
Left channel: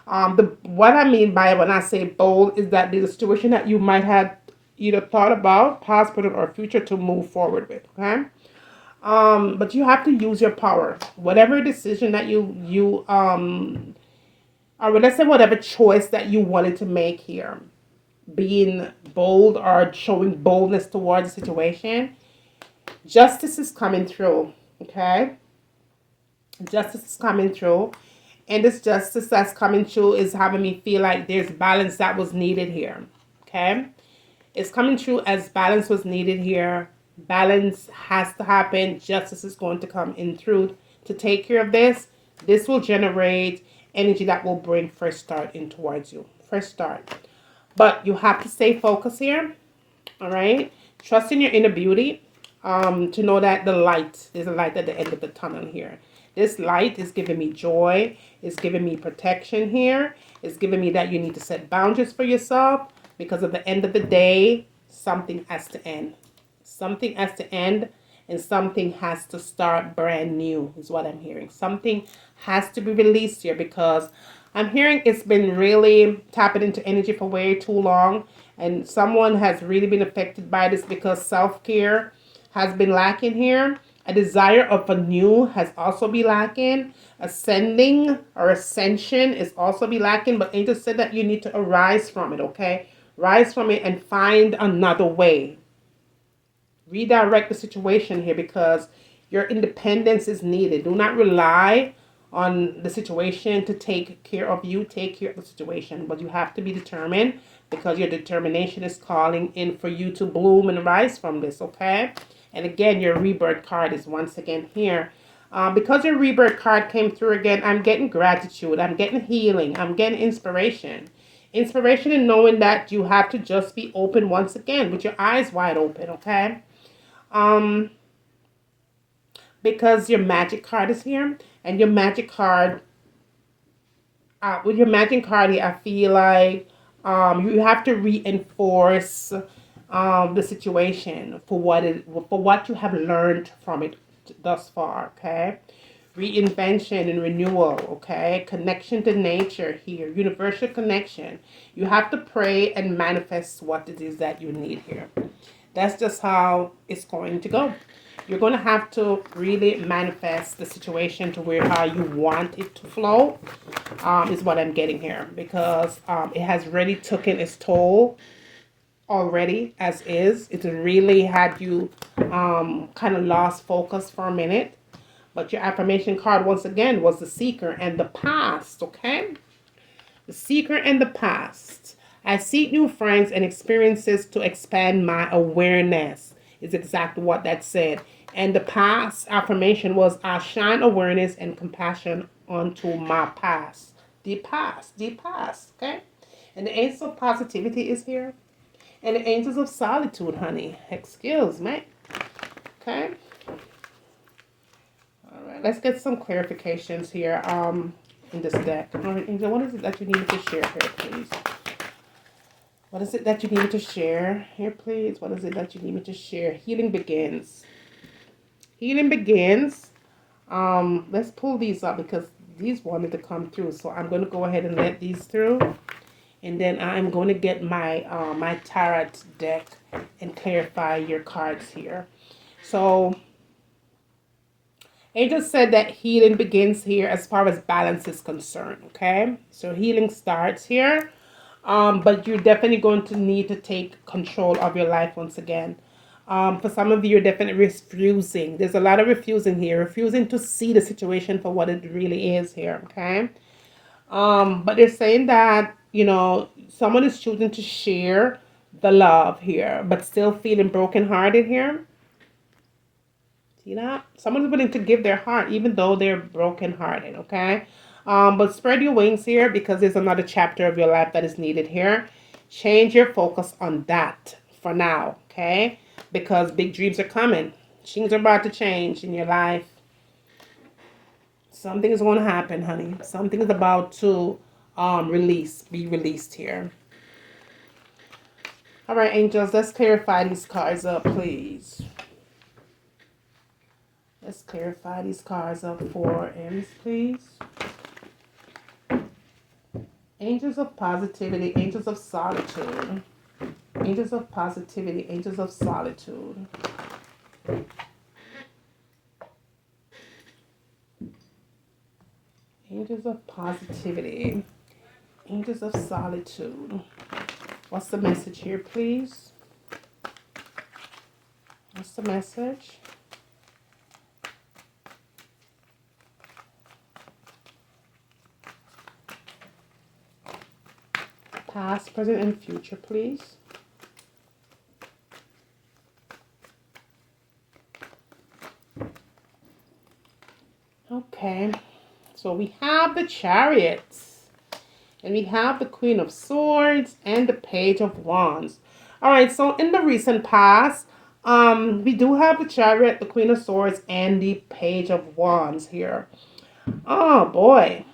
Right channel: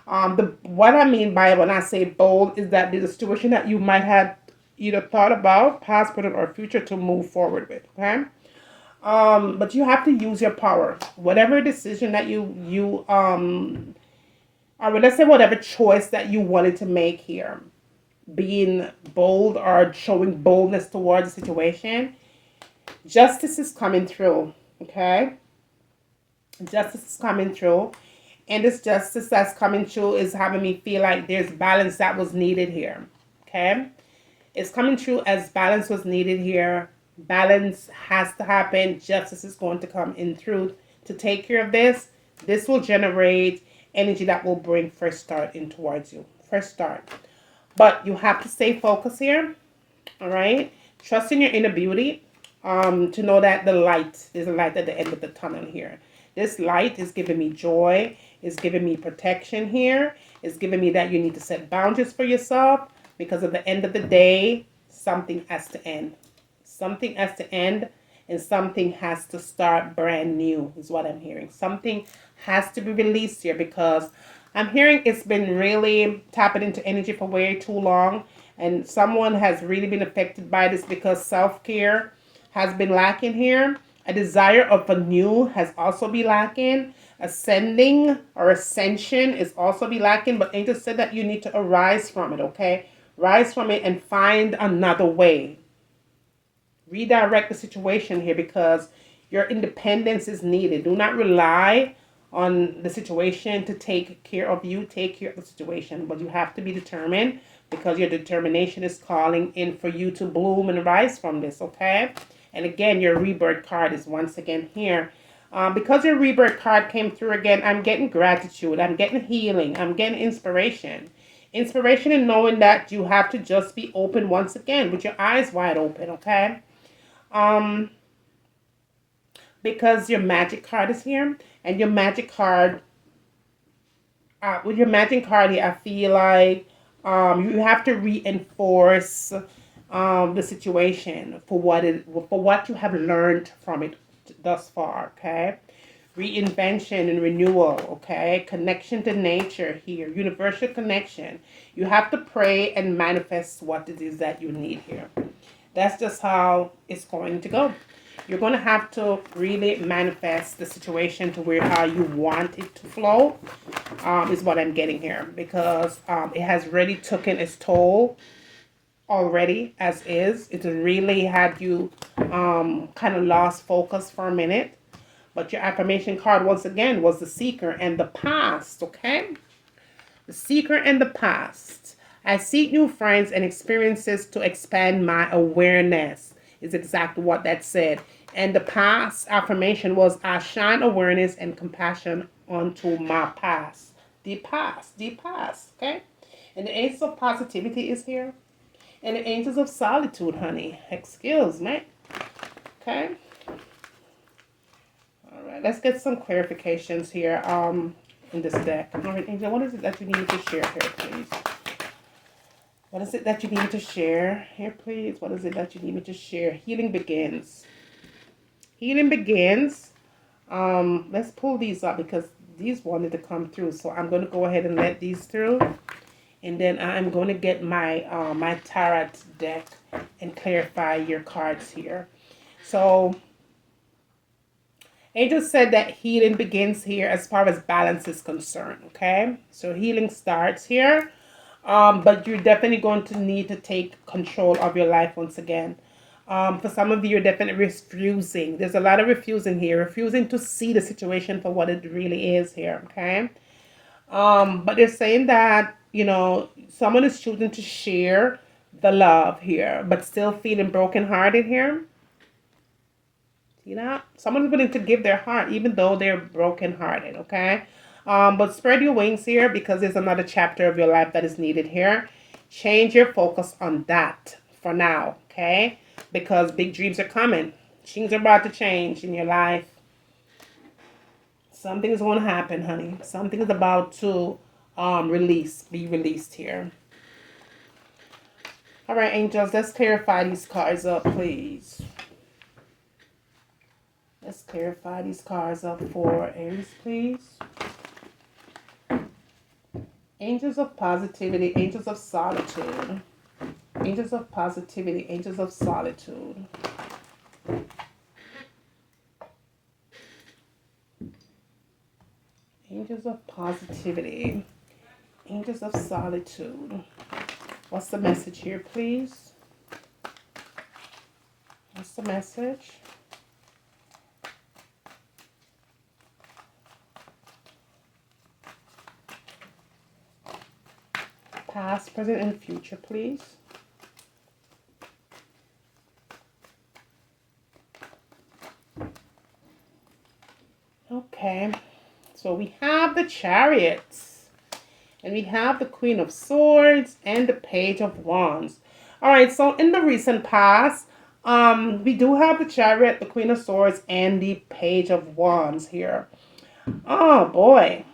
What I mean by when I say bold is that there's a situation that you might have either thought about, past, present, or future to move forward with. Okay. But you have to use your power. Whatever decision that or let's say whatever choice that you wanted to make here, being bold or showing boldness towards the situation, justice is coming through. Okay. Justice is coming through. And this justice that's coming through is having me feel like there's balance that was needed here. Okay. It's coming through as balance was needed here. Balance has to happen. Justice is going to come in through to take care of this. This will generate energy that will bring fresh start in towards you. Fresh start. But you have to stay focused here. All right. Trust in your inner beauty. To know that there's a light at the end of the tunnel here. This light is giving me joy. It's giving me protection here. It's giving me that you need to set boundaries for yourself, because at the end of the day, something has to end. Something has to end, and something has to start brand new is what I'm hearing. Something has to be released here, because I'm hearing it's been really tapping into energy for way too long, and someone has really been affected by this because self-care has been lacking here. A desire of a new has also been lacking. Ascending or ascension is also be lacking. But Angel said that you need to arise from it, okay? Rise from it and find another way. Redirect the situation here, because your independence is needed. Do not rely on the situation to take care of you. Take care of the situation. But you have to be determined, because your determination is calling in for you to bloom and rise from this, okay? And again, your rebirth card is once again here. Because your rebirth card came through again, I'm getting gratitude. I'm getting healing. I'm getting inspiration. Inspiration in knowing that you have to just be open once again with your eyes wide open, okay? Because your magic card is here. And your magic card, with your magic card here, I feel like you have to reinforce the situation for what you have learned from it thus far, okay? Reinvention and renewal, okay? Connection to nature here, universal connection. You have to pray and manifest what it is that you need here. That's just how it's going to go. You're going to have to really manifest the situation to where how you want it to flow, is what I'm getting here, because it has really taken its toll already as is. It really had you kind of lost focus for a minute. But your affirmation card once again was the seeker and the past, okay? The seeker and the past. I seek new friends and experiences to expand my awareness, is exactly what that said. And the past affirmation was, I shine awareness and compassion onto my past. The past, okay? And the ace of positivity is here. And the angels of solitude, honey. Excuse me. Okay. All right. Let's get some clarifications here. In this deck. All right, Angel. What is it that you need to share here, please? What is it that you need to share here, please? What is it that you need me to share? Healing begins. Healing begins. Let's pull these up because these wanted to come through. So I'm going to go ahead and let these through. And then I'm going to get my my tarot deck and clarify your cards here. So, Angel said that healing begins here as far as balance is concerned, okay? So healing starts here, but you're definitely going to need to take control of your life once again. For some of you, you're definitely refusing. There's a lot of refusing here, refusing to see the situation for what it really is here, okay? But they're saying that, you know, someone is choosing to share the love here, but still feeling brokenhearted here. See that? Someone's willing to give their heart, even though they're brokenhearted, okay? But spread your wings here because there's another chapter of your life that is needed here. Change your focus on that for now, okay? Because big dreams are coming. Things are about to change in your life. Something is going to happen, honey. Something is about to be released here. All right, angels, let's clarify these cards up, please. Let's clarify these cards up for Aries, please. Angels of positivity, angels of solitude. Angels of positivity, angels of solitude. Angels of positivity, angels of solitude. What's the message here, please? What's the message? Past, present, and future, please. Okay, so we have the Chariots, and we have the Queen of Swords and the Page of Wands. All right, so in the recent past, we do have the Chariot, the Queen of Swords, and the Page of Wands here. Oh boy.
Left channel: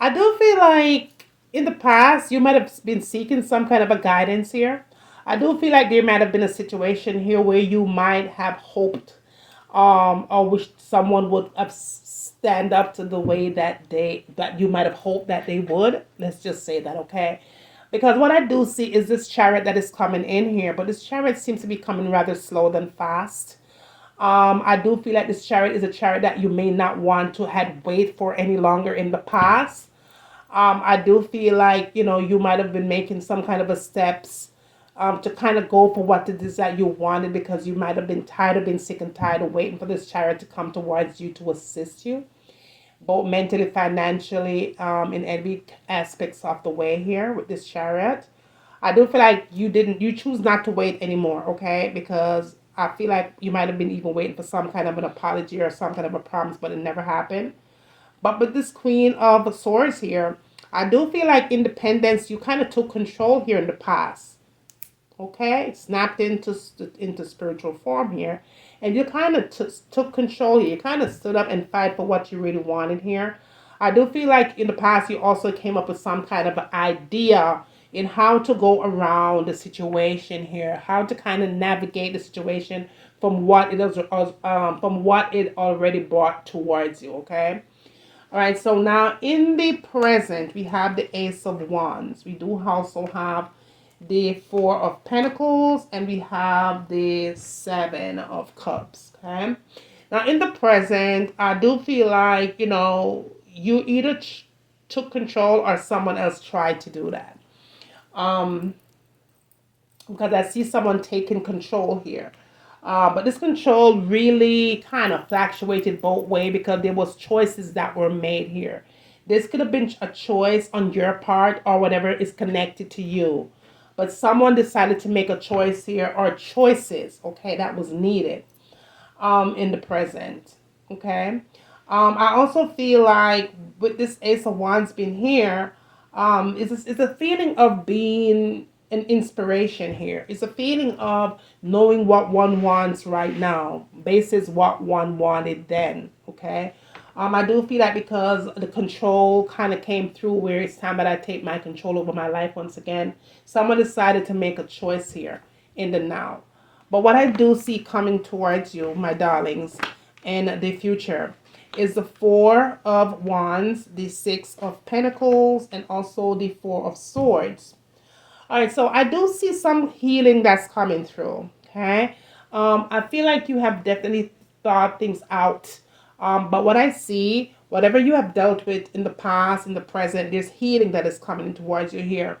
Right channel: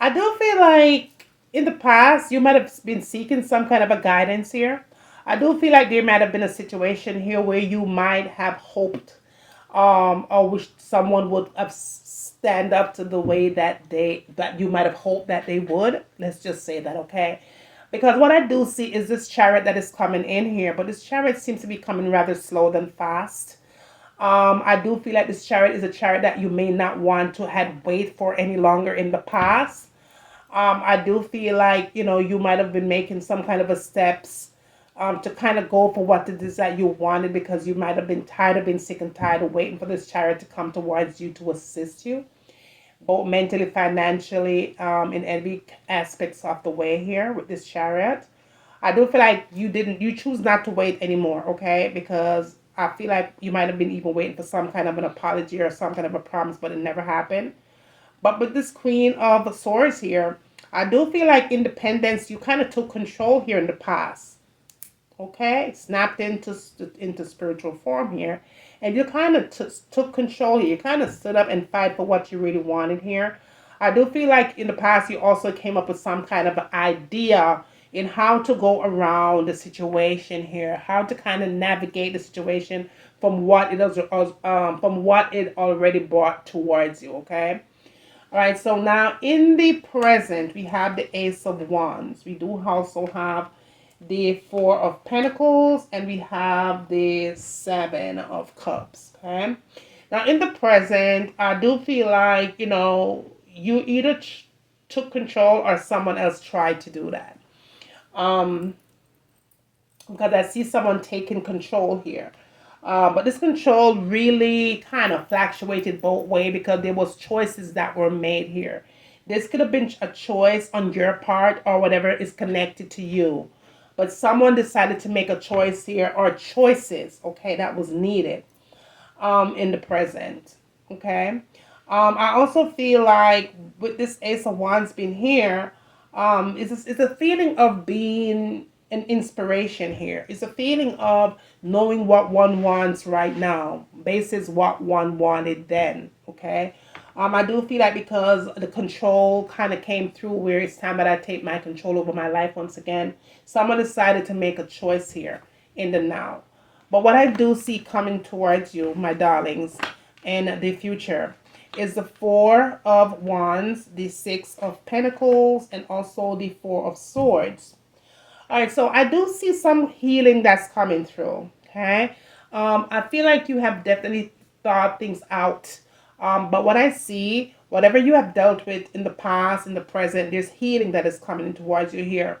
I do feel like in the past you might have been seeking some kind of a guidance here. I do feel like there might have been a situation here where you might have hoped or wish someone would have stand up to the way that you might have hoped that they would. Let's just say that, okay? Because what I do see is this chariot that is coming in here, but this chariot seems to be coming rather slow than fast. I do feel like this chariot is a chariot that you may not want to had wait for any longer in the past. I do feel like, you might have been making some kind of a steps to kind of go for what it is that you wanted, because you might have been tired of being sick and tired of waiting for this chariot to come towards you to assist you, both mentally, financially, in every aspects of the way here with this chariot. I do feel like you choose not to wait anymore, okay? Because I feel like you might have been even waiting for some kind of an apology or some kind of a promise, but it never happened. But with this Queen of Swords here, I do feel like independence, you kind of took control here in the past. Okay? It snapped into spiritual form here. And you kind of took control here. You kind of stood up and fight for what you really wanted here. I do feel like in the past you also came up with some kind of idea in how to go around the situation here, how to kind of navigate the situation from what it already brought towards you, okay? All right, so now in the present, we have the Ace of Wands. We do also have the Four of Pentacles, and we have the Seven of Cups, okay? Now, in the present, I do feel like, you either took control or someone else tried to do that. Because I see someone taking control here. But this control really kind of fluctuated both ways because there was choices that were made here. This could have been a choice on your part or whatever is connected to you. But someone decided to make a choice here, or choices, okay, that was needed in the present, okay? I also feel like with this Ace of Wands being here, it's a feeling of being an inspiration here. It's a feeling of knowing what one wants right now, basis what one wanted then, okay? I do feel like because the control kind of came through where it's time that I take my control over my life once again, someone decided to make a choice here in the now. But what I do see coming towards you, my darlings, in the future is the Four of Wands, the Six of Pentacles, and also the Four of Swords. All right, so I do see some healing that's coming through, okay? I feel like you have definitely thought things out. But what I see, whatever you have dealt with in the past, in the present, there's healing that is coming towards you here.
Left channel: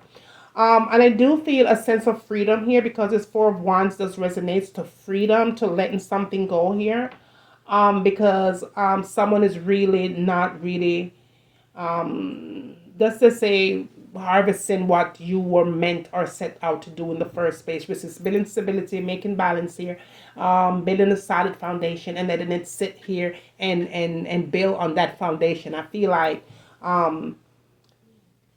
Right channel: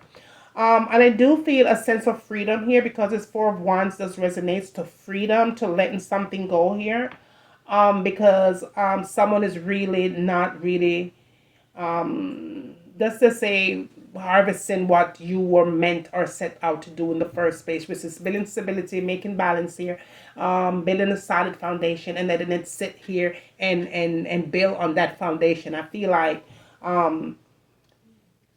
And I do feel a sense of freedom here because this Four of Wands does resonates to freedom, to letting something go here. Because someone is really not really, let's just say, harvesting what you were meant or set out to do in the first place, which is building stability, making balance here, building a solid foundation, and letting it sit here and build on that foundation. I feel like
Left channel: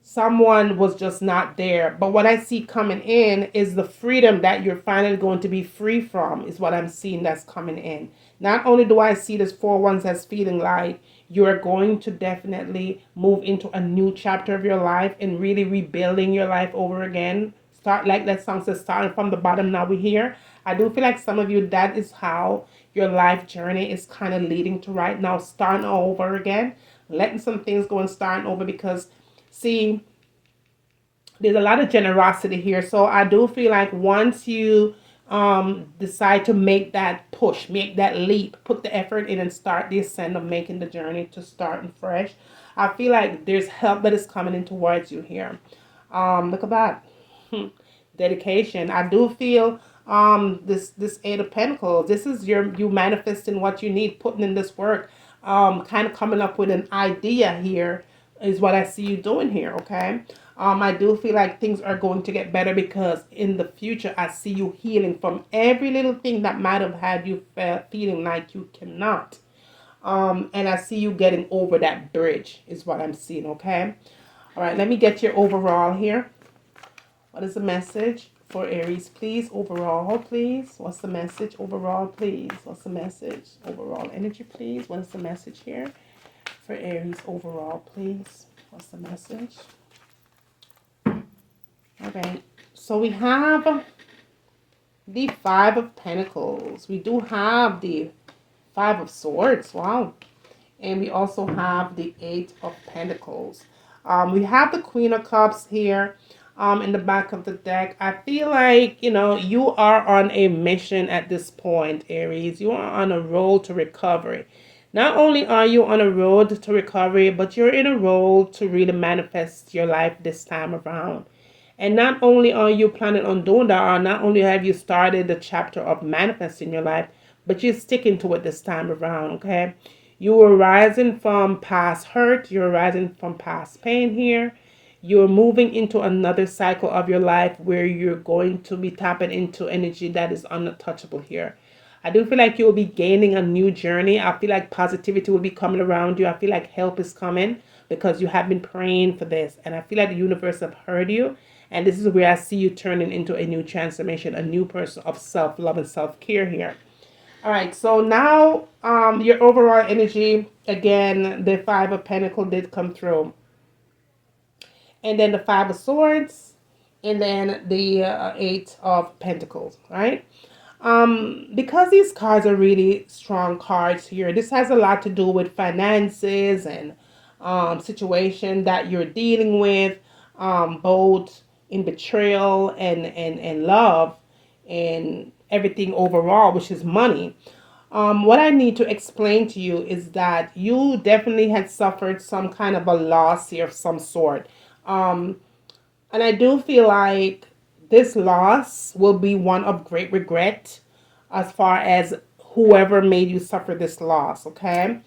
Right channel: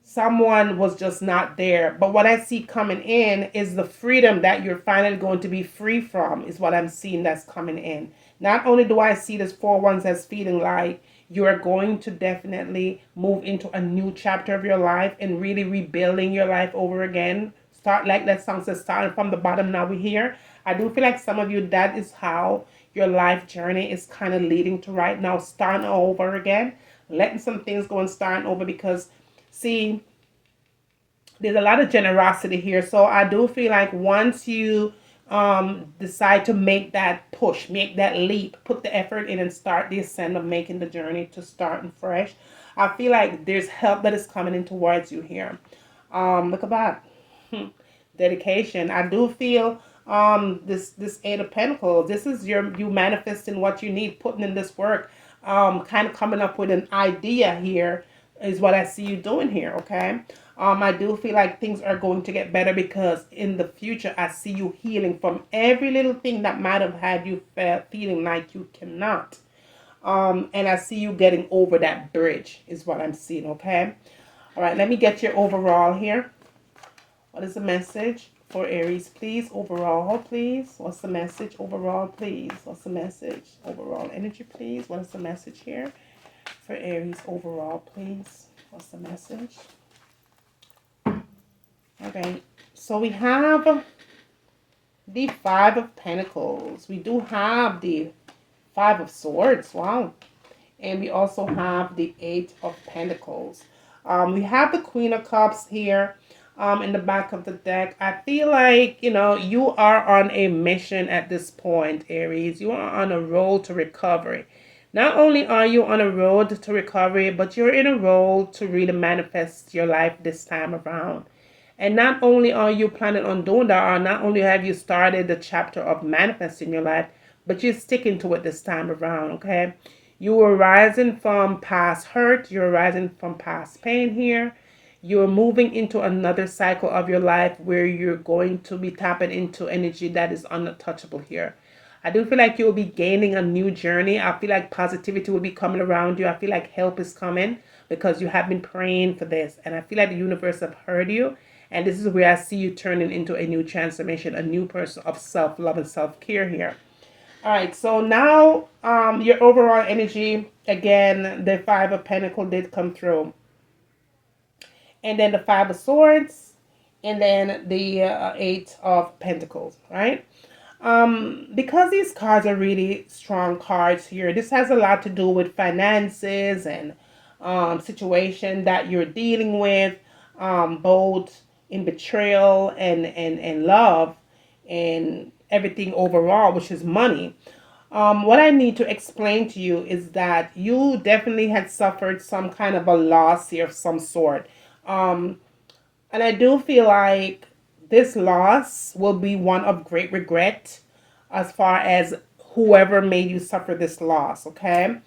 someone was just not there. But what I see coming in is the freedom that you're finally going to be free from is what I'm seeing that's coming in. Not only do I see this Four Wands as feeling like you're going to definitely move into a new chapter of your life and really rebuilding your life over again. Start, like that song says, starting from the bottom, now we're here. I do feel like some of you, that is how your life journey is kind of leading to right now, starting over again, letting some things go and starting over. Because, see, there's a lot of generosity here. So I do feel like once you decide to make that push, make that leap, put the effort in and start the ascent of making the journey to starting fresh, I feel like there's help that is coming in towards you here. Look at that. Dedication. I do feel this Eight of Pentacles. This is you manifesting what you need, putting in this work, kind of coming up with an idea here is what I see you doing here, okay? I do feel like things are going to get better because in the future, I see you healing from every little thing that might have had you feeling like you cannot. And I see you getting over that bridge is what I'm seeing, okay? All right, let me get your overall here. What is the message for Aries, please? Overall, please. What's the message? Overall, please. What's the message? Overall energy, please. What is the message here for Aries? Overall, please. What's the message? Okay, so we have the Five of Pentacles. We do have the Five of Swords. Wow. And we also have the Eight of Pentacles. We have the Queen of Cups here in the back of the deck. I feel like, you know, you are on a mission at this point, Aries. You are on a road to recovery. Not only are you on a road to recovery, but you're in a road to really manifest your life this time around. And not only are you planning on doing that, or not only have you started the chapter of manifesting your life, but you're sticking to it this time around, okay? You are rising from past hurt. You're rising from past pain here. You're moving into another cycle of your life where you're going to be tapping into energy that is untouchable here. I do feel like you'll be gaining a new journey. I feel like positivity will be coming around you. I feel like help is coming because you have been praying for this. And I feel like the universe have heard you. And this is where I see you turning into a new transformation, a new person of self-love and self-care here. All right, so now your overall energy, again, the Five of Pentacles did come through. And then the Five of Swords, and then the Eight of Pentacles, right? Because these cards are really strong cards here, this has a lot to do with finances and situation that you're dealing with, both in betrayal and love and everything overall, which is money. What I need to explain to you is that you definitely had suffered some kind of a loss here of some sort. And I do feel like this loss will be one of great regret as far as whoever made you suffer this loss, okay?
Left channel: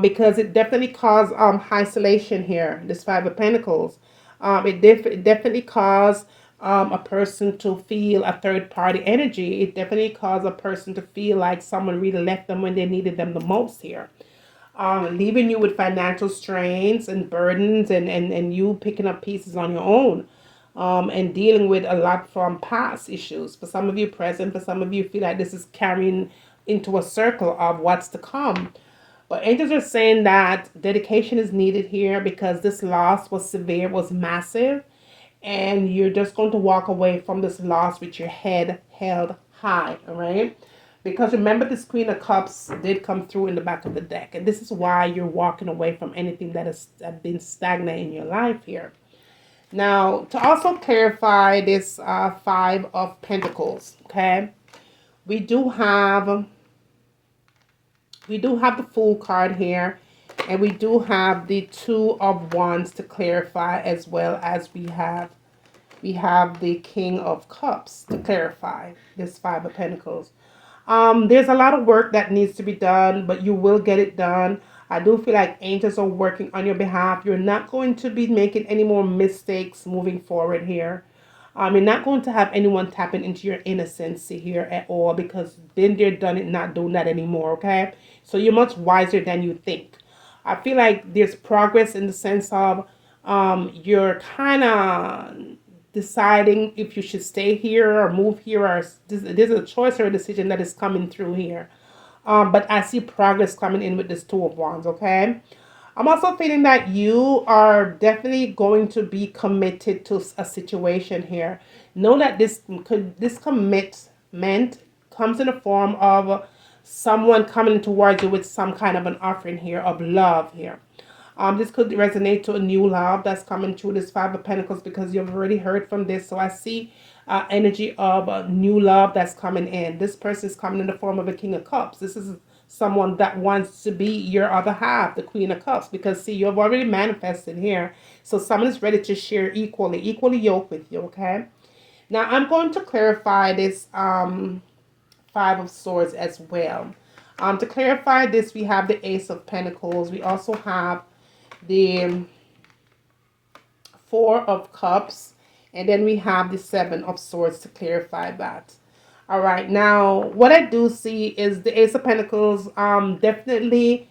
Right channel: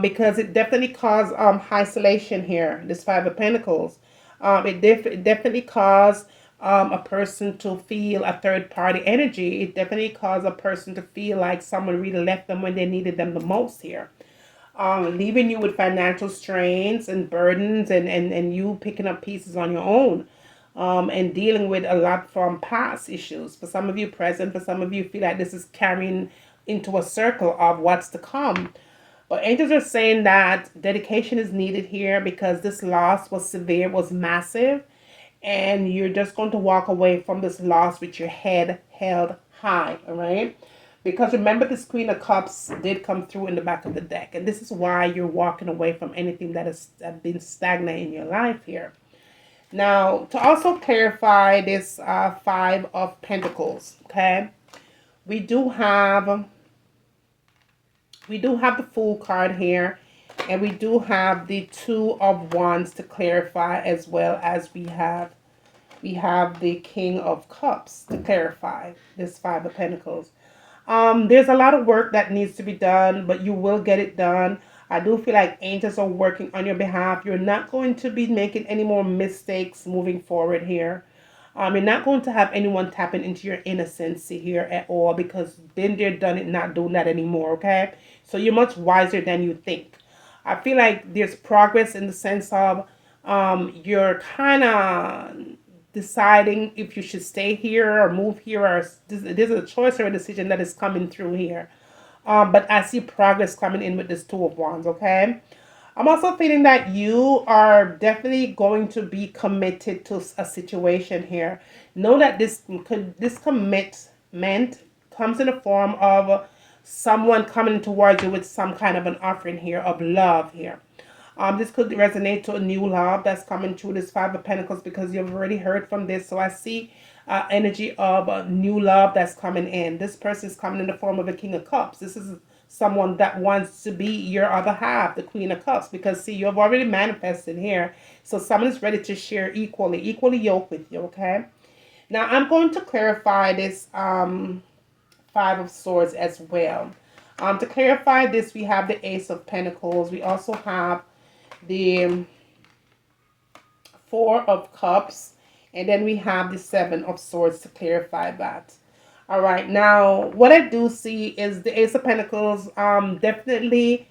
Because it definitely caused isolation here, this Five of Pentacles. It definitely caused a person to feel a third party energy. It definitely caused a person to feel like someone really left them when they needed them the most here. Leaving you with financial strains and burdens and you picking up pieces on your own. And dealing with a lot from past issues. For some of you present, for some of you feel like this is carrying into a circle of what's to come. But angels are saying that dedication is needed here because this loss was severe, was massive. And you're just going to walk away from this loss with your head held high, all right? Because remember, this Queen of Cups did come through in the back of the deck. And this is why you're walking away from anything that has been stagnant in your life here. Now, to also clarify this Five of Pentacles, okay? We do have the Fool card here, and we do have the Two of Wands to clarify, as well as we have the King of Cups to clarify this Five of Pentacles. There's a lot of work that needs to be done, but you will get it done. I do feel like angels are working on your behalf. You're not going to be making any more mistakes moving forward here. You're not going to have anyone tapping into your innocence here at all because been there, done it, not doing that anymore, okay? So you're much wiser than you think. I feel like there's progress in the sense of you're kind of deciding if you should stay here or move here, or there's a choice or a decision that is coming through here. But I see progress coming in with this Two of Wands, okay? I'm also feeling that you are definitely going to be committed to a situation here. Know that this commit meant comes in the form of someone coming towards you with some kind of an offering here of love here. This could resonate to a new love that's coming through this Five of Pentacles because you've already heard from this. So I see energy of a new love that's coming in. This person is coming in the form of a King of Cups. This is someone that wants to be your other half, the Queen of Cups, because see, you've already manifested here. So someone is ready to share equally yoked with you, okay? Now I'm going to clarify this Five of Swords as well. To clarify this, we have the Ace of Pentacles. We also have the Four of Cups, and then we have the Seven of Swords to clarify that. All right, now what I do see is the Ace of Pentacles definitely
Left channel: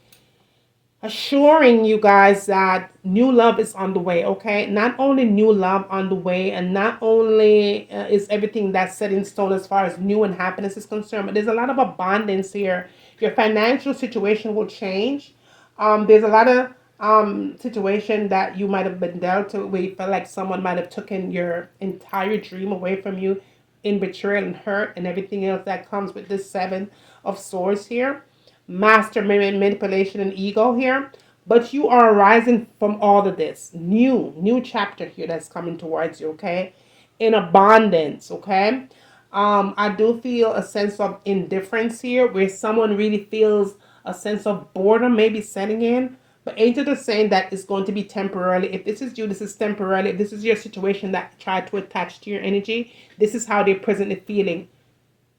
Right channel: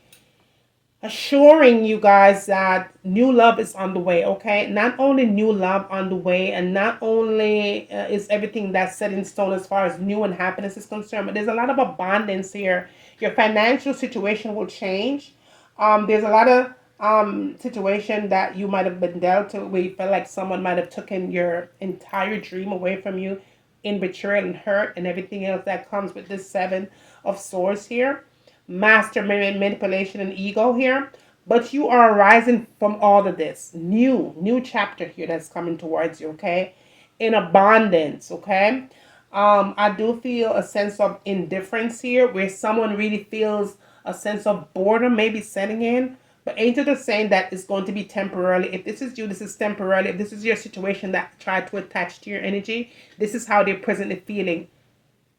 assuring you guys that new love is on the way, okay? Not only new love on the way, and not only is everything that's set in stone as far as new and happiness is concerned, but there's a lot of abundance here. Your financial situation will change. There's a lot of situation that you might have been dealt to where you feel like someone might have taken your entire dream away from you in betrayal and hurt and everything else that comes with this Seven of Swords here. Master manipulation and ego here, but you are rising from all of this new chapter here that's coming towards you, okay, in abundance, okay. I do feel a sense of indifference here where someone really feels a sense of boredom maybe setting in, but angels are saying that it's going to be temporarily. If this is you, this is temporarily. If this is your situation that tried to attach to your energy, this is how they're presently feeling:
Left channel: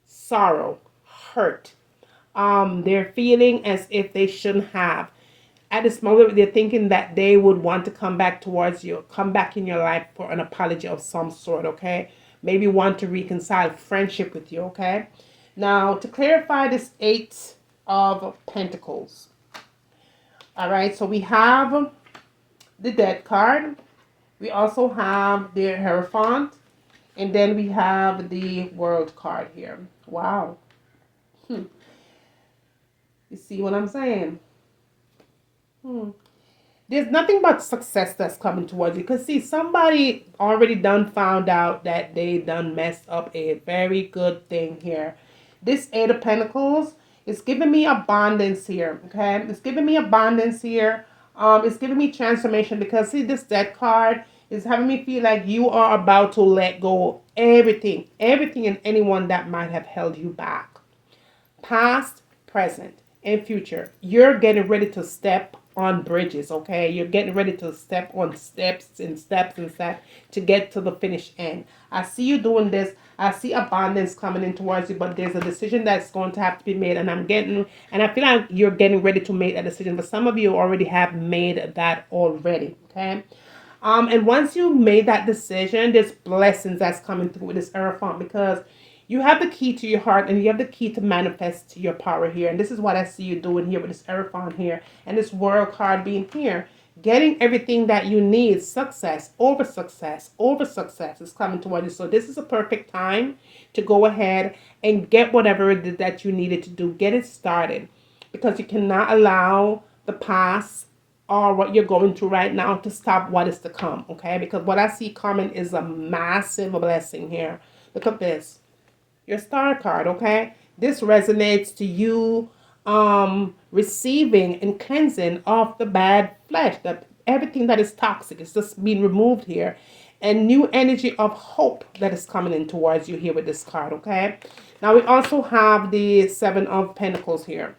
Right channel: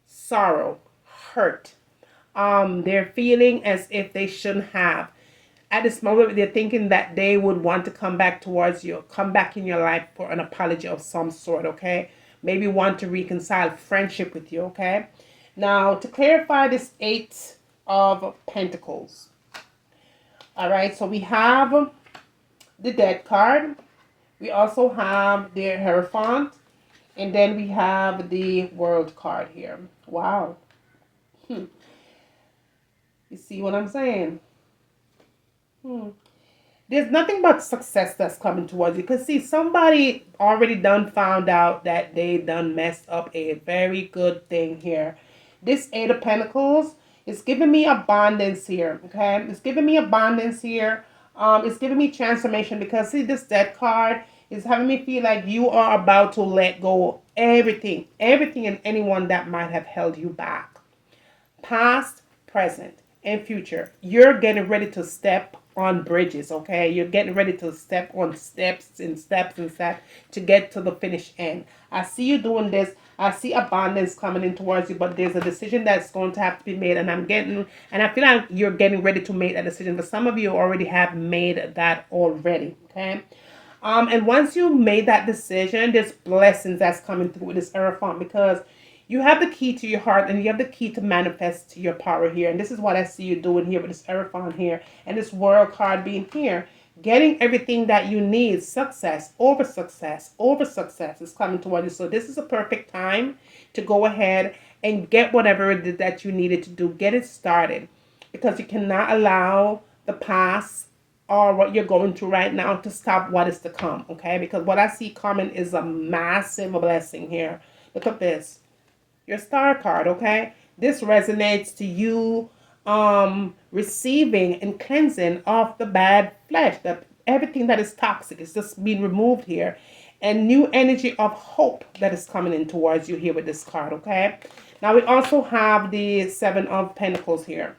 sorrow, hurt. They're feeling as if they shouldn't have. At this moment, they're thinking that they would want to come back towards you, come back in your life for an apology of some sort, okay? Maybe want to reconcile friendship with you, okay? Now, to clarify this Eight of Pentacles. All right, so we have the Death card. We also have the Hierophant. And then we have the World card here. Wow. You see what I'm saying? There's nothing but success that's coming towards you. Because, see, somebody already done found out that they done messed up a very good thing here. This Eight of Pentacles is giving me abundance here, okay? It's giving me abundance here. It's giving me transformation because, see, this Death card is having me feel like you are about to let go everything and anyone that might have held you back. Past, present, and future. You're getting ready to step on bridges, okay? You're getting ready to step on steps to get to the finish end. I see you doing this. I see abundance coming in towards you, but there's a decision that's going to have to be made, and I feel like you're getting ready to make that decision, but some of you already have made that already, okay? And once you made that decision, there's blessings that's coming through with this Hierophant because you have the key to your heart and you have the key to manifest your power here. And this is what I see you doing here with this Hierophant here and this World card being here. Getting everything that you need. Success over success over success is coming towards you. So this is a perfect time to go ahead and get whatever it is that you needed to do. Get it started. Because you cannot allow the past or what you're going through right now to stop what is to come. Okay? Because what I see coming is a massive blessing here. Look at this. Your Star card, okay? This resonates to you receiving and cleansing of the bad flesh. Everything that is toxic is just being removed here. And new energy of hope that is coming in towards you here with this card, okay? Now we also have the Seven of Pentacles here.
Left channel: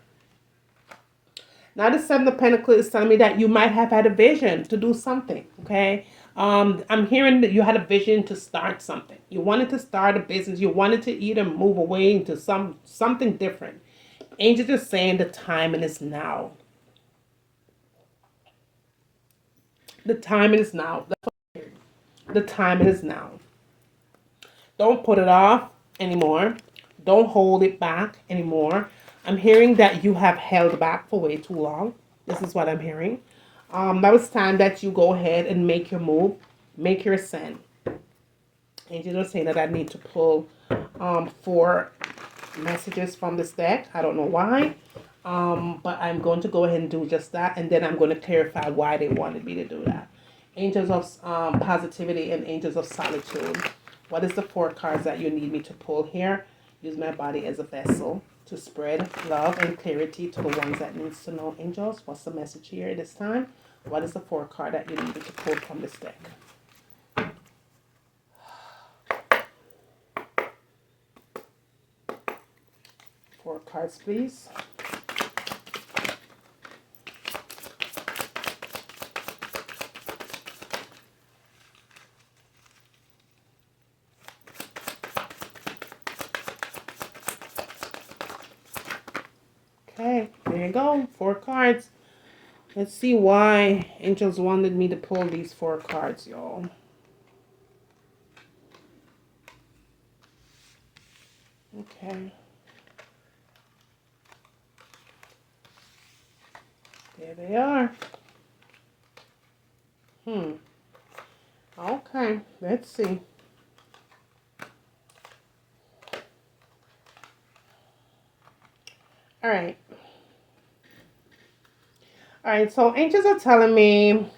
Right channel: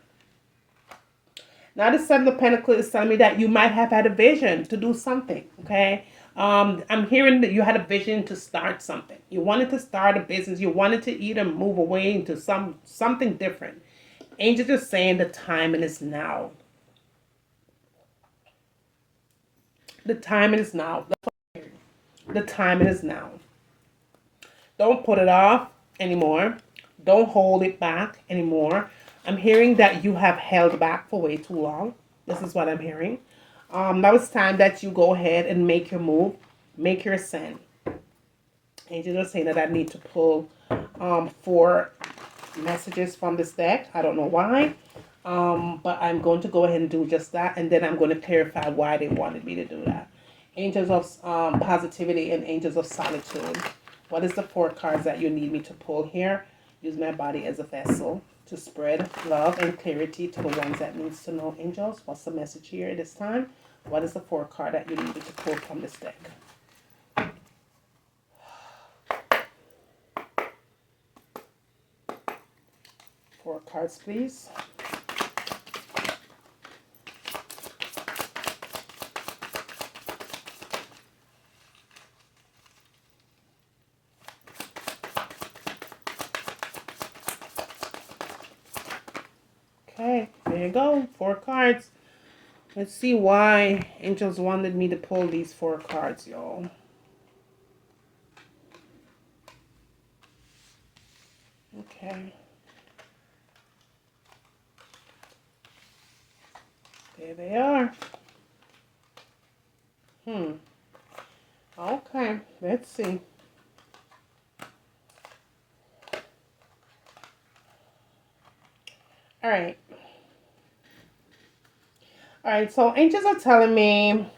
Now the Seven of Pentacles is telling me that you might have had a vision to do something, okay? I'm hearing that you had a vision to start something. You wanted to start a business. You wanted to either move away into something different. Angels are saying the timing is now. The timing is now. The timing is now. Don't put it off anymore. Don't hold it back anymore. I'm hearing that you have held back for way too long. This is what I'm hearing. Now it's time that you go ahead and make your move. Make your ascent. Angels are saying that I need to pull 4 messages from this deck. I don't know why. But I'm going to go ahead and do just that. And then I'm going to clarify why they wanted me to do that. Angels of positivity and angels of solitude. What is the 4 cards that you need me to pull here? Use my body as a vessel to spread love and clarity to the ones that needs to know. Angels, what's the message here this time? What is the 4 card that you needed to pull from this deck? 4 cards, please. Okay, there you go. 4 cards. Let's see why angels wanted me to pull these 4 cards, y'all. Okay. There they are. Okay, let's see. All right. All right, so angels are telling me,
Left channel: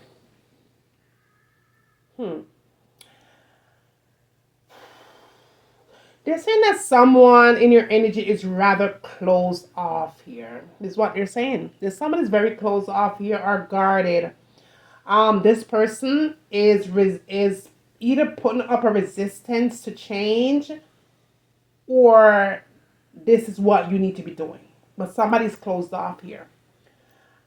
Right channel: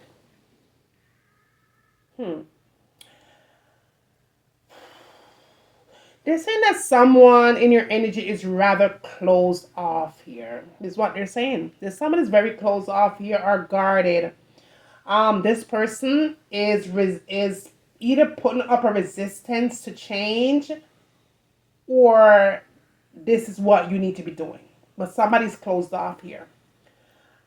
they're saying that someone in your energy is rather closed off here. Is what they're saying. There's someone is very closed off here or guarded. This person is either putting up a resistance to change, or this is what you need to be doing. But somebody's closed off here.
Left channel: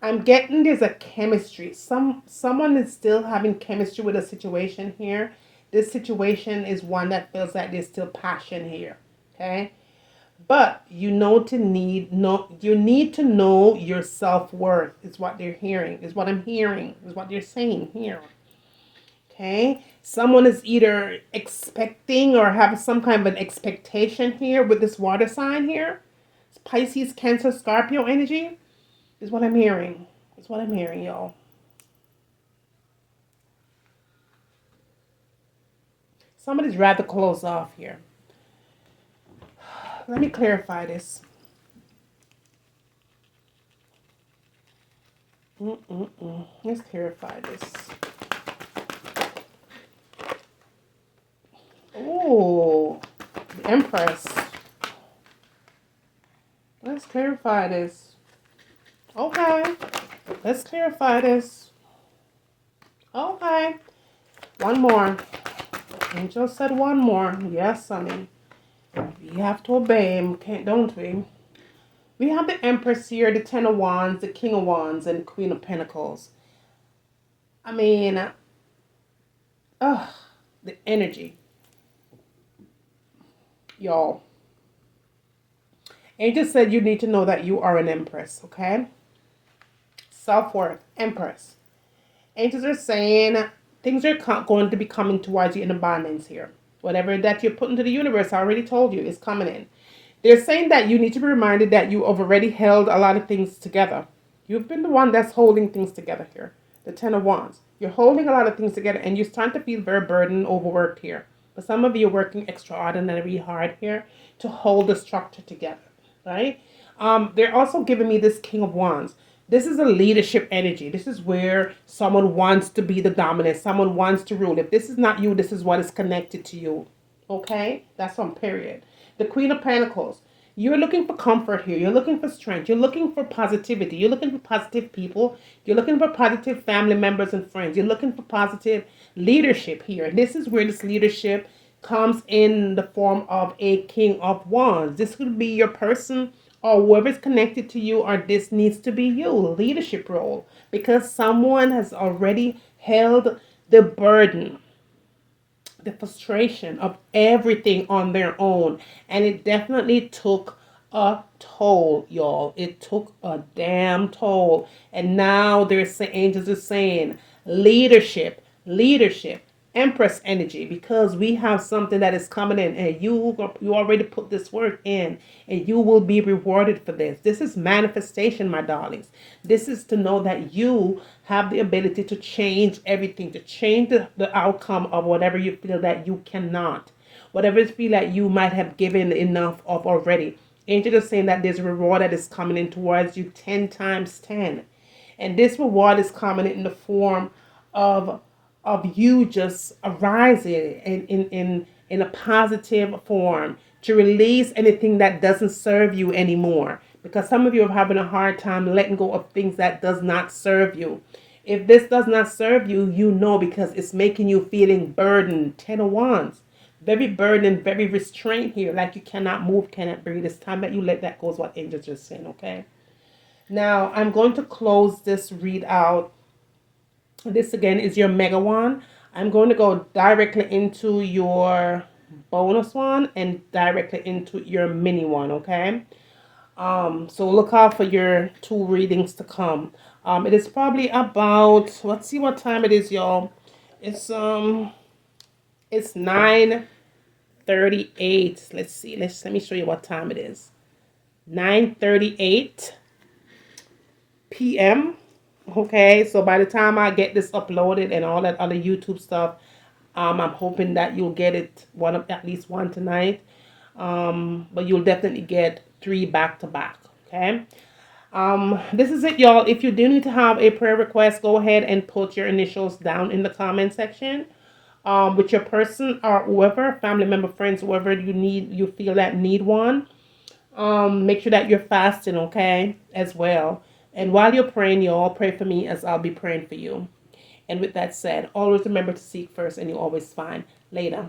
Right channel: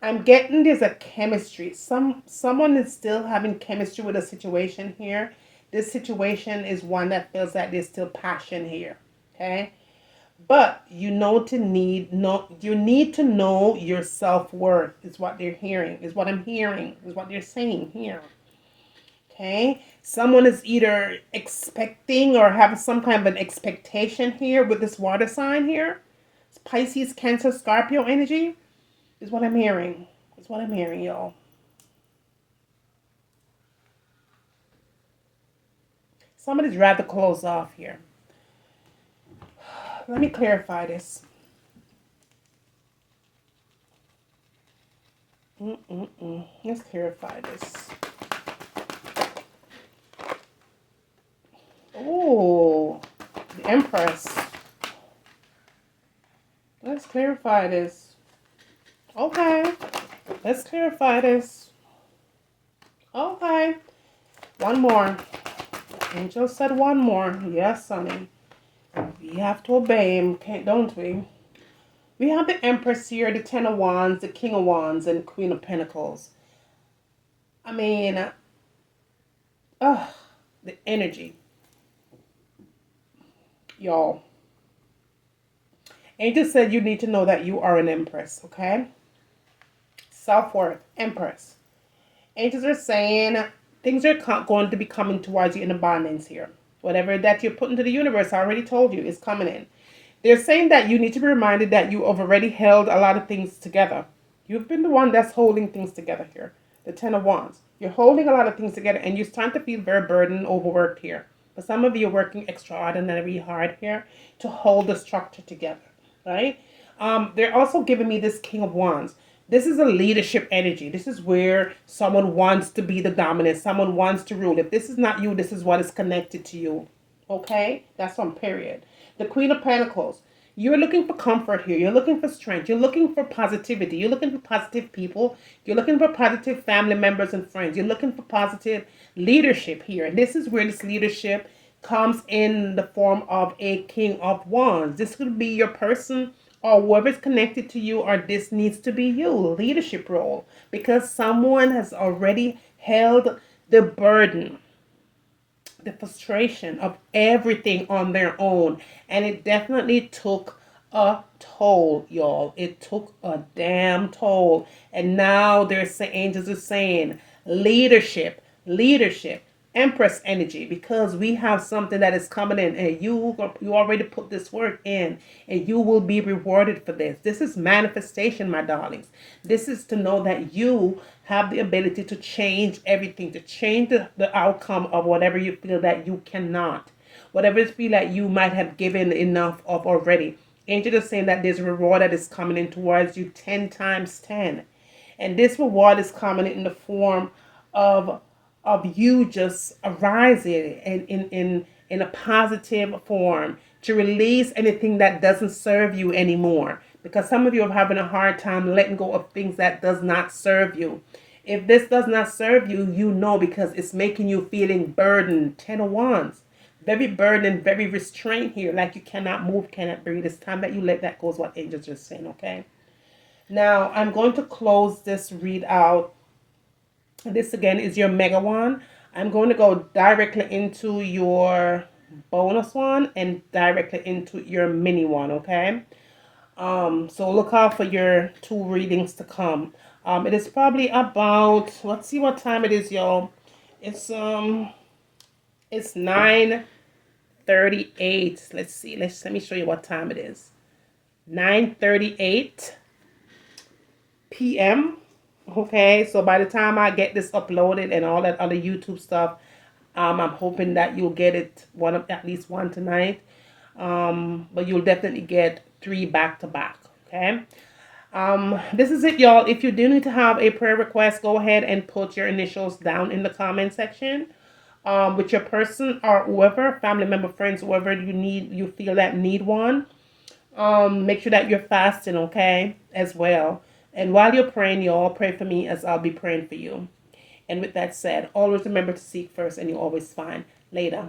I'm getting there's a chemistry. Someone is still having chemistry with a situation here. This situation is one that feels like there's still passion here. Okay? But you need to know your self-worth is what they're hearing, is what I'm hearing, is what they're saying here. Okay? Someone is either expecting or have some kind of an expectation here with this water sign here. It's Pisces, Cancer, Scorpio energy is what I'm hearing. Is what I'm hearing, y'all. Somebody's rather closed off here. Let me clarify this. Let's clarify this. Oh, the Empress. Let's clarify this. Okay, let's clarify this. Okay, one more. Angel said one more. Yes, honey. We have to obey him, don't we? We have the Empress here, the 10 of Wands, the King of Wands, and Queen of Pentacles. I mean, the energy. Y'all. Angel said you need to know that you are an Empress, okay? Self-worth, Empress. Angels are saying things are going to be coming towards you in abundance here. Whatever that you're put into the universe, I already told you, is coming in. They're saying that you need to be reminded that you have already held a lot of things together. You've been the one that's holding things together here. The 10 of Wands. You're holding a lot of things together and you're starting to feel very burdened, overworked here. But some of you are working extraordinarily hard here to hold the structure together, right? They're also giving me this King of Wands. This is a leadership energy. This is where someone wants to be the dominant. Someone wants to rule. If this is not you, this is what is connected to you. Okay? That's on period. The Queen of Pentacles. You're looking for comfort here. You're looking for strength. You're looking for positivity. You're looking for positive people. You're looking for positive family members and friends. You're looking for positive leadership here. This is where this leadership comes in the form of a King of Wands. This could be your person or whoever's connected to you, or this needs to be you, leadership role, because someone has already held the burden, the frustration of everything on their own, and it definitely took a toll, y'all. It took a damn toll, and now there's angels are saying leadership, Empress energy, because we have something that is coming in, and you already put this work in, and you will be rewarded for this. This is manifestation, my darlings. This is to know that you have the ability to change everything, to change the outcome of whatever you feel that you cannot, whatever you feel that you might have given enough of already. Angel is saying that there's a reward that is coming in towards you 10 times 10, and this reward is coming in the form of you just arising in a positive form, to release anything that doesn't serve you anymore. Because some of you are having a hard time letting go of things that does not serve you. If this does not serve you, you know, because it's making you feeling burdened. 10 of Wands. Very burdened, very restrained here. Like you cannot move, cannot breathe. It's time that you let that go is what angels are saying, okay? Now, I'm going to close this readout. This again is your mega one. I'm going to go directly into your bonus one and directly into your mini one, okay? So look out for your 2 readings to come. It is probably about, let's see what time it is, y'all. It's 9:38. Let's see. Let me show you what time it is. 9:38 p.m. Okay, so by the time I get this uploaded and all that other YouTube stuff, I'm hoping that you'll get it at least one tonight. But you'll definitely get 3 back to back. Okay. This is it, y'all. If you do need to have a prayer request, go ahead and put your initials down in the comment section. With your person or whoever, family member, friends, whoever you feel that need one. Make sure that you're fasting, okay, as well. And while you're praying, you all pray for me as I'll be praying for you. And with that said, always remember to seek first and you always find later.